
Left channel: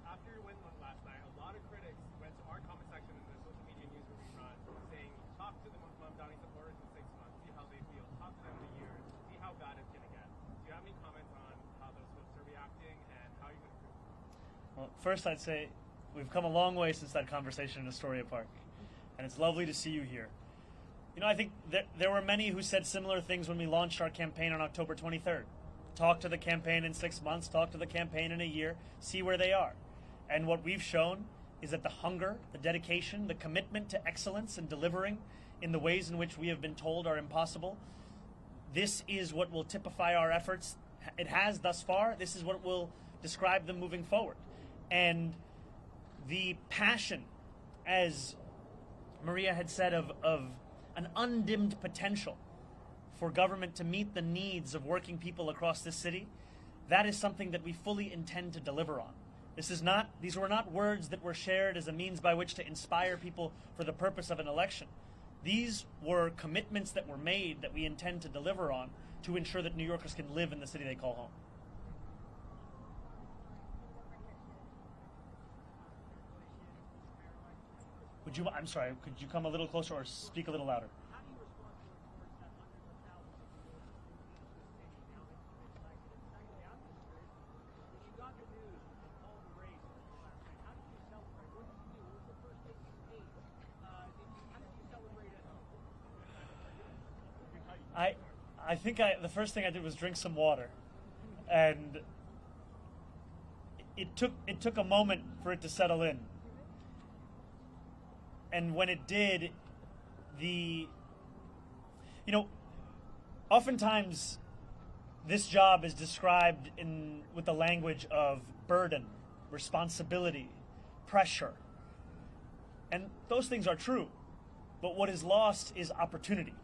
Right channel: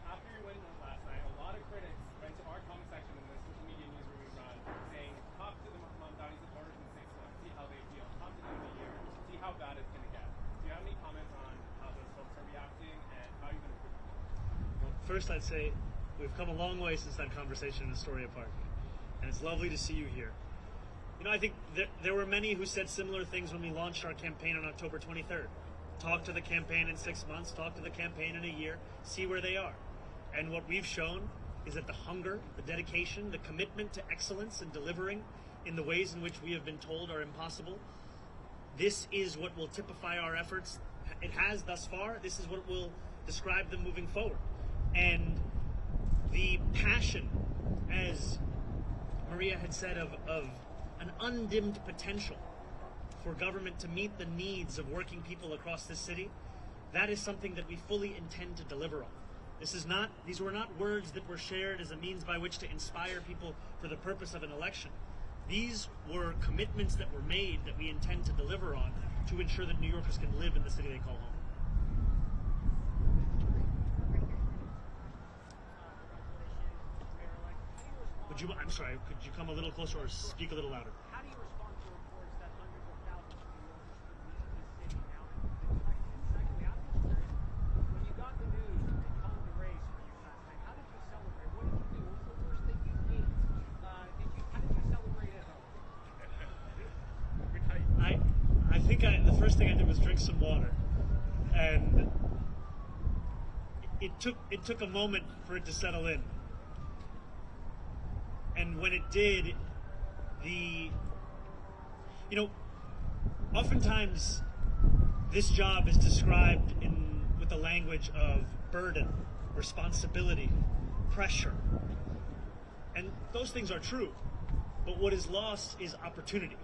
After your win last night, a lot of critics went to our comment section in the social media news where we run, saying, talk to the Mamdani supporters in 6 months, see how they feel. Talk to them in a year, see how bad it's going to get. Do you have any comments on how those folks are reacting and how you're going to prove it? Well, first I'd say we've come a long way since that conversation in Astoria Park, and it's lovely to see you here. You know, I think that there were many who said similar things when we launched our campaign on October 23rd. Talk to the campaign in 6 months, talk to the campaign in a year, see where they are. And what we've shown is that the hunger, the dedication, the commitment to excellence and delivering in the ways in which we have been told are impossible, this is what will typify our efforts. It has thus far. This is what will describe them moving forward. And the passion, as Maria had said, of an undimmed potential for government to meet the needs of working people across this city, that is something that we fully intend to deliver on. These were not words that were shared as a means by which to inspire people for the purpose of an election. These were commitments that were made that we intend to deliver on to ensure that New Yorkers can live in the city they call home. I'm sorry, could you come a little closer or speak a little louder? How do you respond to reports that hundreds of thousands of New Yorkers could leave this city now that it's been elected? Secondly, I'm just curious, when you got the news that they called the race for you last night, how did you celebrate? What did you do? What was the first thing you ate? How did you celebrate at home? I think the first thing I did was drink some water, and it took a moment for it to settle in. And when it did, oftentimes this job is described with the language of burden, responsibility, pressure. And those things are true. But what is lost is opportunity.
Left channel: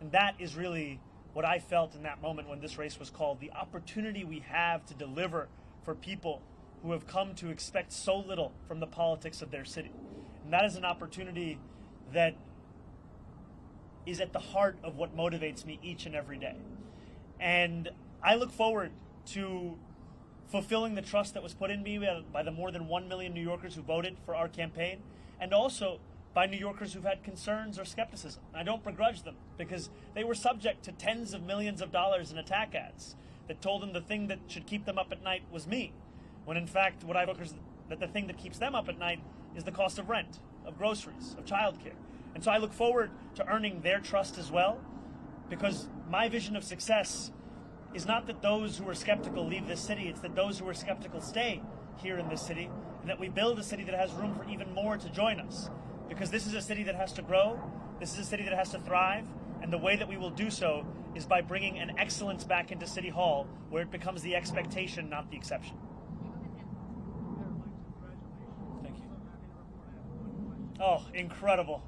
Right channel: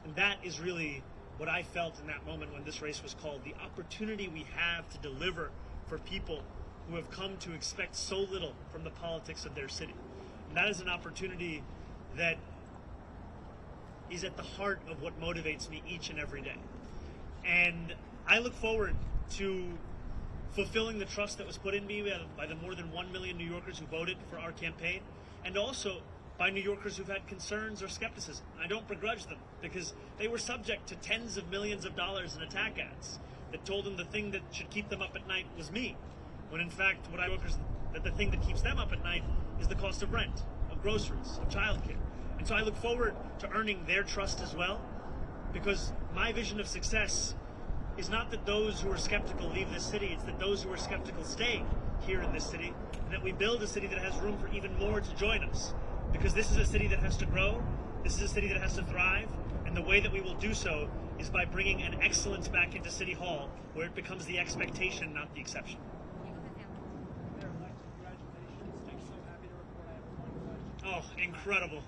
And that is really what I felt in that moment when this race was called. The opportunity we have to deliver for people who have come to expect so little from the politics of their city. That is an opportunity that is at the heart of what motivates me each and every day. And I look forward to fulfilling the trust that was put in me by the more than 1 million New Yorkers who voted for our campaign, and also by New Yorkers who've had concerns or skepticism. I don't begrudge them, because they were subject to tens of millions of dollars in attack ads that told them the thing that should keep them up at night was me. when in fact what I look is that the thing that keeps them up at night is the cost of rent, of groceries, of childcare. And so I look forward to earning their trust as well, because my vision of success is not that those who are skeptical leave this city, it's that those who are skeptical stay here in this city, and that we build a city that has room for even more to join us. Because this is a city that has to grow, this is a city that has to thrive, and the way that we will do so is by bringing an excellence back into City Hall, where it becomes the expectation, not the exception. Oh, incredible.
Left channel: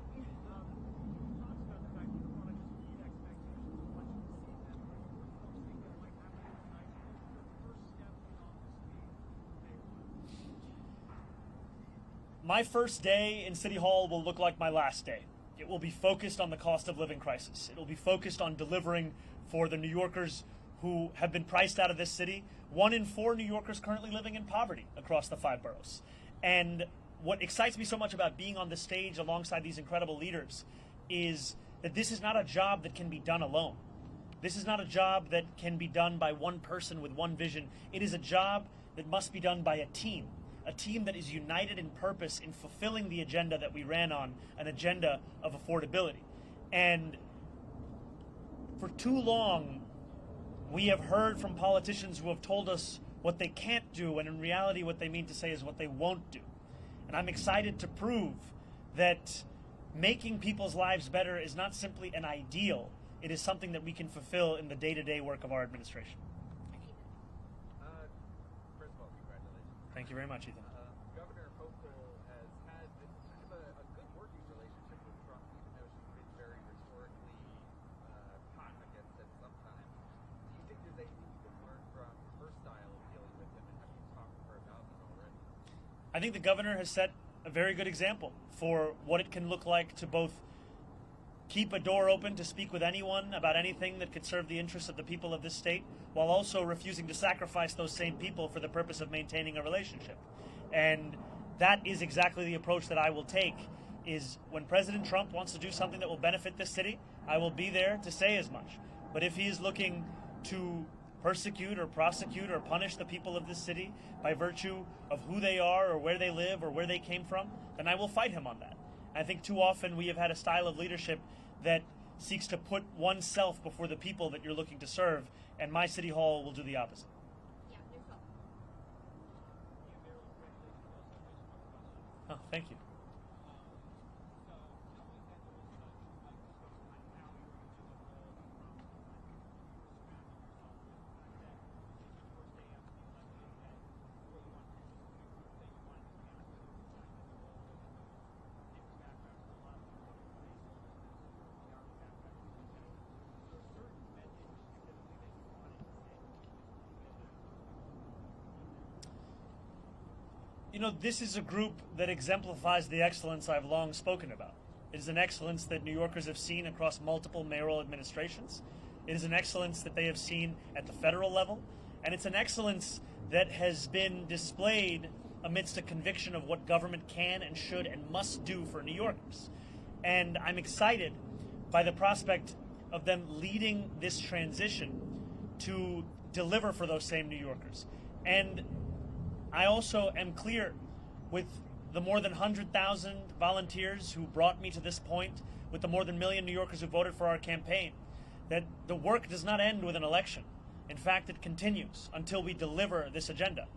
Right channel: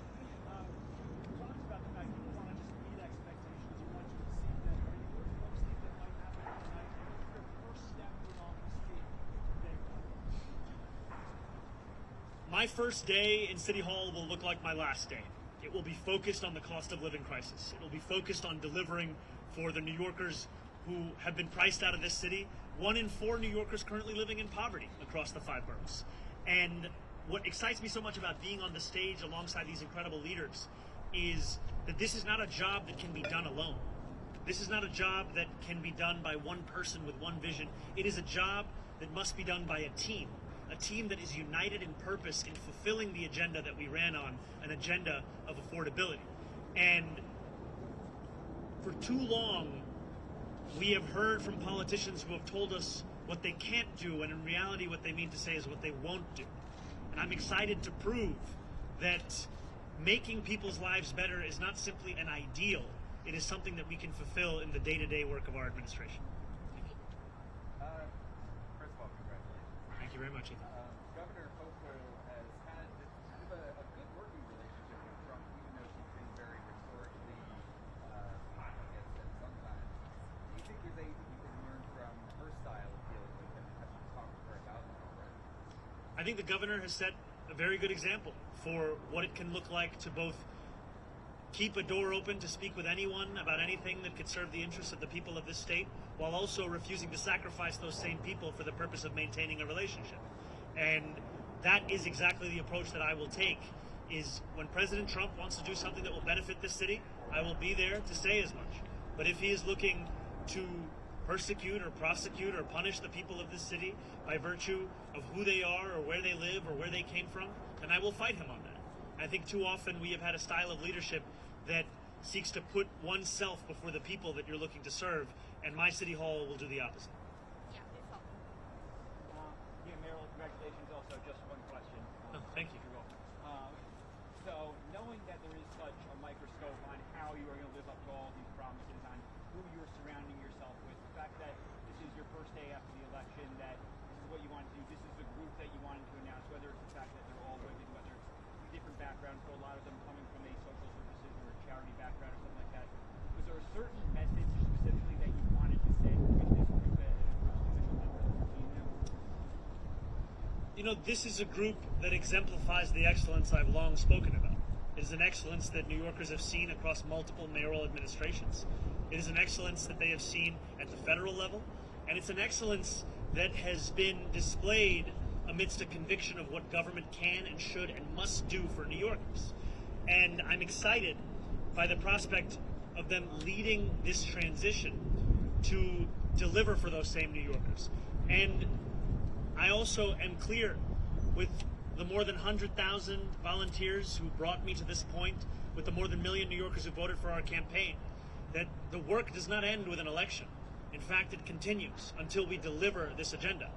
My first day in City Hall will look like my last day. It will be focused on the cost of living crisis. It will be focused on delivering for the New Yorkers who have been priced out of this city. 1 in 4 New Yorkers currently living in poverty across the 5 boroughs. And what excites me so much about being on the stage alongside these incredible leaders is that this is not a job that can be done alone. This is not a job that can be done by one person with one vision. It is a job that must be done by a team that is united in purpose in fulfilling the agenda that we ran on, an agenda of affordability. And for too long, we have heard from politicians who have told us what they can't do, and in reality what they mean to say is what they won't do. And I'm excited to prove that making people's lives better is not simply an ideal, it is something that we can fulfill in the day-to-day work of our administration. First of all, congratulations. Thank you very much, Ethan. Governor Hochul has had kind of a good working relationship with Trump, even though she's been very rhetorically hot against him sometimes. Do you think there's anything you can learn from her style of dealing with him, and have you talked to her about it already? I think the governor has set a very good example for what it can look like to both keep a door open to speak with anyone about anything that could serve the interests of the people of this state, while also refusing to sacrifice those same people for the purpose of maintaining a relationship. And that is exactly the approach that I will take, is when President Trump wants to do something that will benefit this city, I will be there to say as much. But if he is looking to persecute or prosecute or punish the people of this city by virtue of who they are or where they live or where they came from, then I will fight him on that. I think too often we have had a style of leadership that seeks to put oneself before the people that you're looking to serve, and my City Hall will do the opposite. Marilyn, congratulations. Also, just one question. Thank you. So, knowing that there is such a microscope on how you are going to live up to all these promises, on who you are surrounding yourself with, the fact that this is your first day after the election, that this is what you want to do, this is the group that you wanted to announce, whether it's the fact that they're all women, whether it's different backgrounds, but a lot of them coming from a social services or a charity background or something like that. Was there a certain message specifically that you wanted to send with this group as the official member of the team now? You know, this is a group that exemplifies the excellence I've long spoken about. It is an excellence that New Yorkers have seen across multiple mayoral administrations. It is an excellence that they have seen at the federal level, and it's an excellence that has been displayed amidst a conviction of what government can and should and must do for New Yorkers. And I'm excited by the prospect of them leading this transition to deliver for those same New Yorkers. And I also am clear with the more than 100,000 volunteers who brought me to this point, with the more than 1 million New Yorkers who voted for our campaign, that the work does not end with an election. In fact, it continues until we deliver this agenda.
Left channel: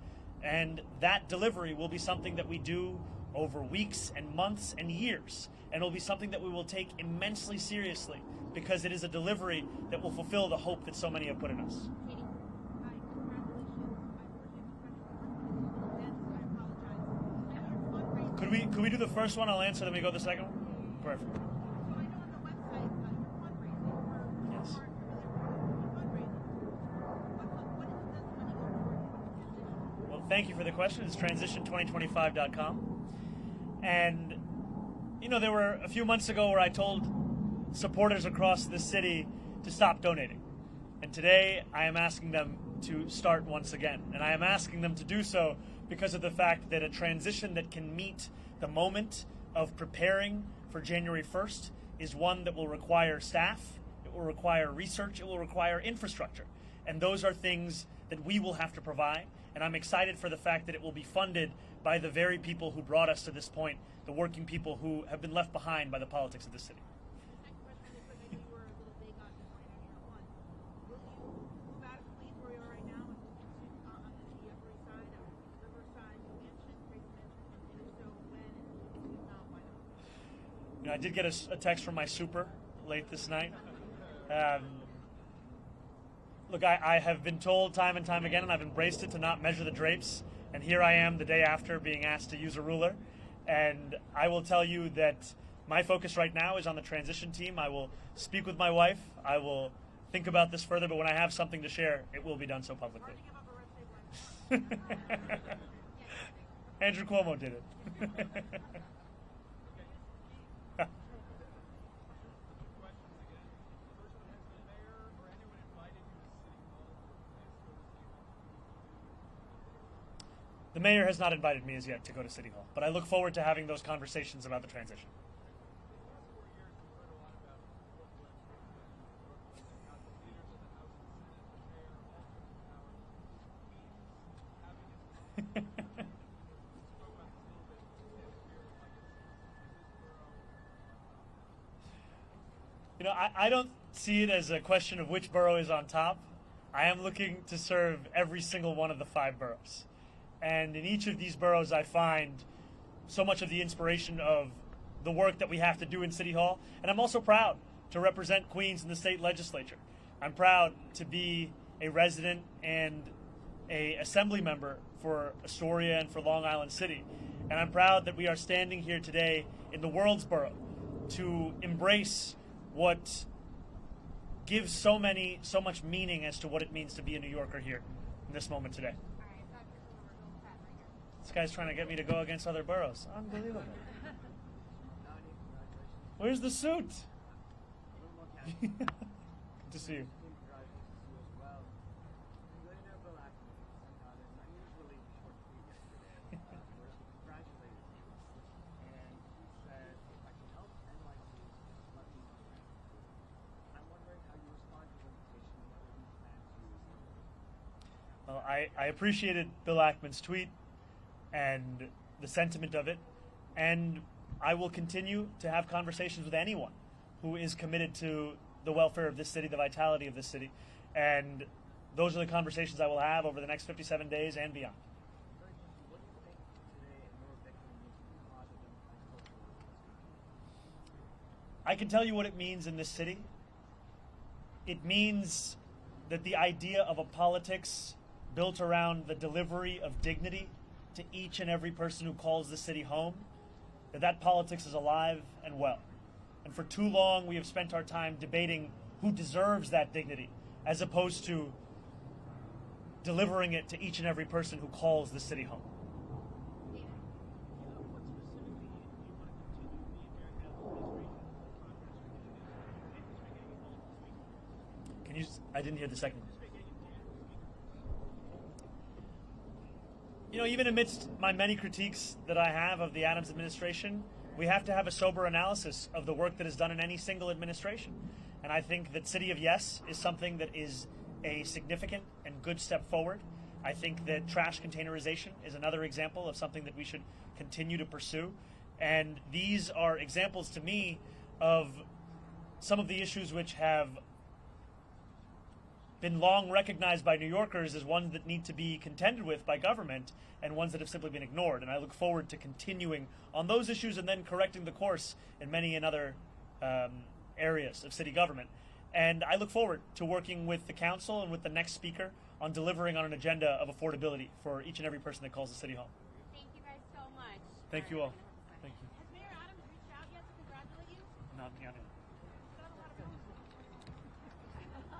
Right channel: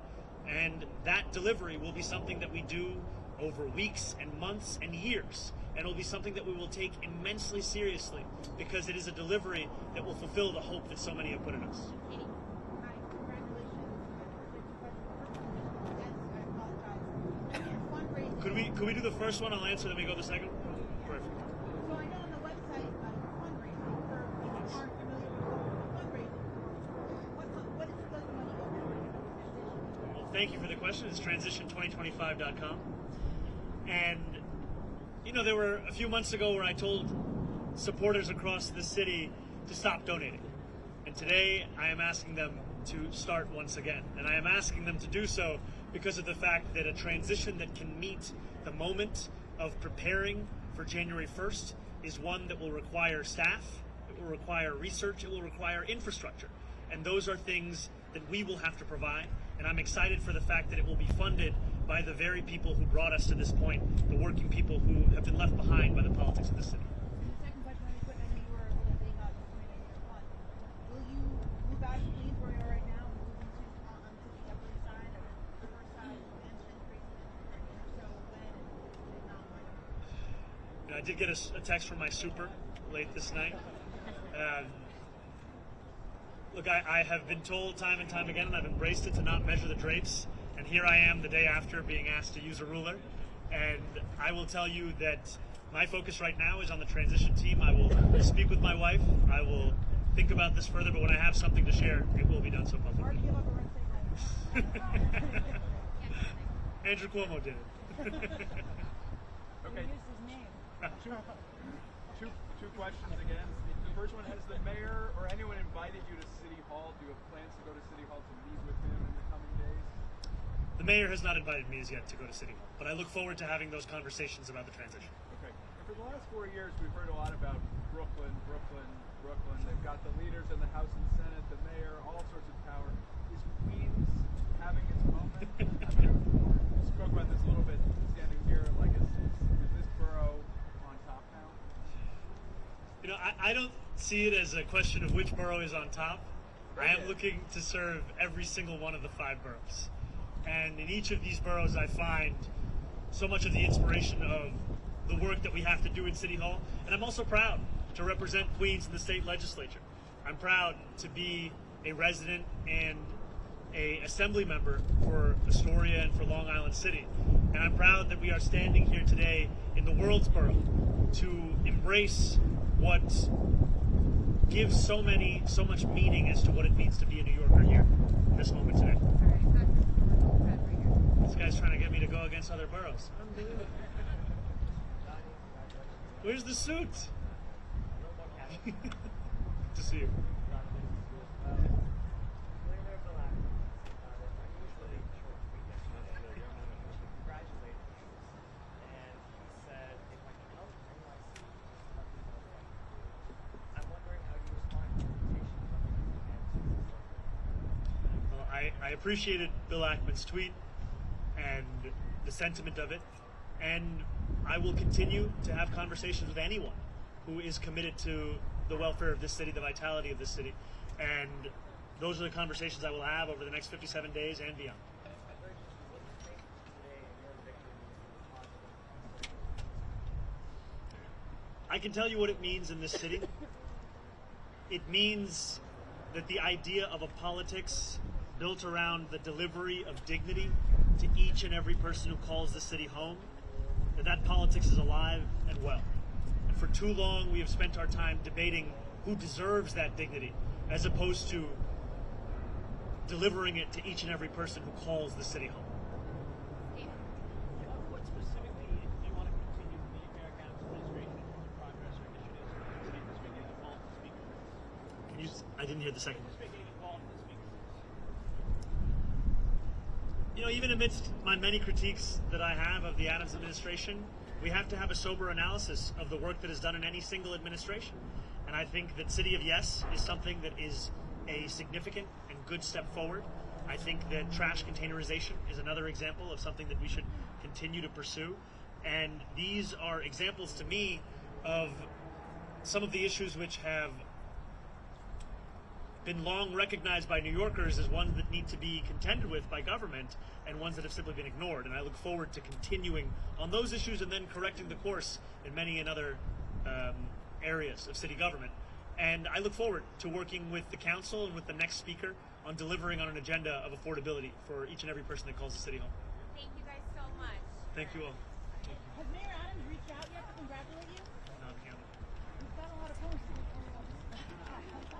And that delivery will be something that we do over weeks and months and years. And it will be something that we will take immensely seriously, because it is a delivery that will fulfill the hope that so many have put in us. Could we do the first one? I'll answer, then we go to the second one? Perfect. So I know on the website you're fundraising for people who aren't familiar with fundraising. What does the money go for? Well, thank you for the question. It's transition2025.com. And, you know, there were a few months ago where I told supporters across the city to stop donating. And today I am asking them to start once again. And I am asking them to do so because of the fact that a transition that can meet the moment of preparing for January 1st is one that will require staff, it will require research, it will require infrastructure. And those are things that we will have to provide. And I'm excited for the fact that it will be funded by the very people who brought us to this point, the working people who have been left behind by the politics of the city. Second question, I know you were a little vague on point in your one. Will you move out of Queens where you are right now and move into onto the Upper East Side or Riverside, Mansion, Grayson, and if so, when, and if not, why not? I did get a text from my super late this night. Look, I have been told time and time again, and I've embraced it, to not measure the drapes. And here I am the day after being asked to use a ruler. And I will tell you that my focus right now is on the transition team. I will speak with my wife. I will think about this further, but when I have something to share, it will be done so publicly. Andrew Cuomo did it. Okay. Two questions again. The first one, has the mayor or anyone invited you to City Hall? Do you have plans to go to City Hall to meet with him in the coming days? The mayor has not invited me as yet to go to City Hall, but I look forward to having those conversations about the transition. Okay. And for the last 4 years, we've heard a lot about Brooklyn. They've got the leaders in the House and Senate, the mayor, all sorts of power. Is Queens having its moment? I mean, we spoke about this a little bit standing here. Like, is this borough on top now? You know, I don't see it as a question of which borough is on top. I am looking to serve every single one of the 5 boroughs. And in each of these boroughs, I find so much of the inspiration of the work that we have to do in City Hall. And I'm also proud to represent Queens in the state legislature. I'm proud to be a resident and an assembly member for Astoria and for Long Island City. And I'm proud that we are standing here today in the world's borough to embrace what gives so much meaning as to what it means to be a New Yorker here in this moment today. This guy's trying to get me to go against other boroughs. Unbelievable. Where's the suit? Good to see you. Well, I appreciated Bill Ackman's tweet and the sentiment of it, and I will continue to have conversations with anyone who is committed to the welfare of this city, the vitality of this city, and those are the conversations I will have over the next 57 days and beyond. I can tell you what it means in this city. It means that the idea of a politics built around the delivery of dignity to each and every person who calls the city home, that politics is alive and well. And for too long, we have spent our time debating who deserves that dignity, as opposed to delivering it to each and every person who calls the city home. What specifically do you want to continue from the American administration for progress or initiatives to get involved in the speaker race? Can you I didn't hear the second one. You know, even amidst my many critiques that I have of the Adams administration, we have to have a sober analysis of the work that is done in any single administration. And I think that City of Yes is something that is a significant and good step forward. I think that trash containerization is another example of something that we should continue to pursue. And these are examples to me of some of the issues which have been long recognized by New Yorkers as ones that need to be contended with by government and ones that have simply been ignored. And I look forward to continuing on those issues and then correcting the course in many other areas of city government. And I look forward to working with the council and with the next speaker on delivering on an agenda of affordability for each and every person that calls the city home. Thank you guys so much. Thank you all.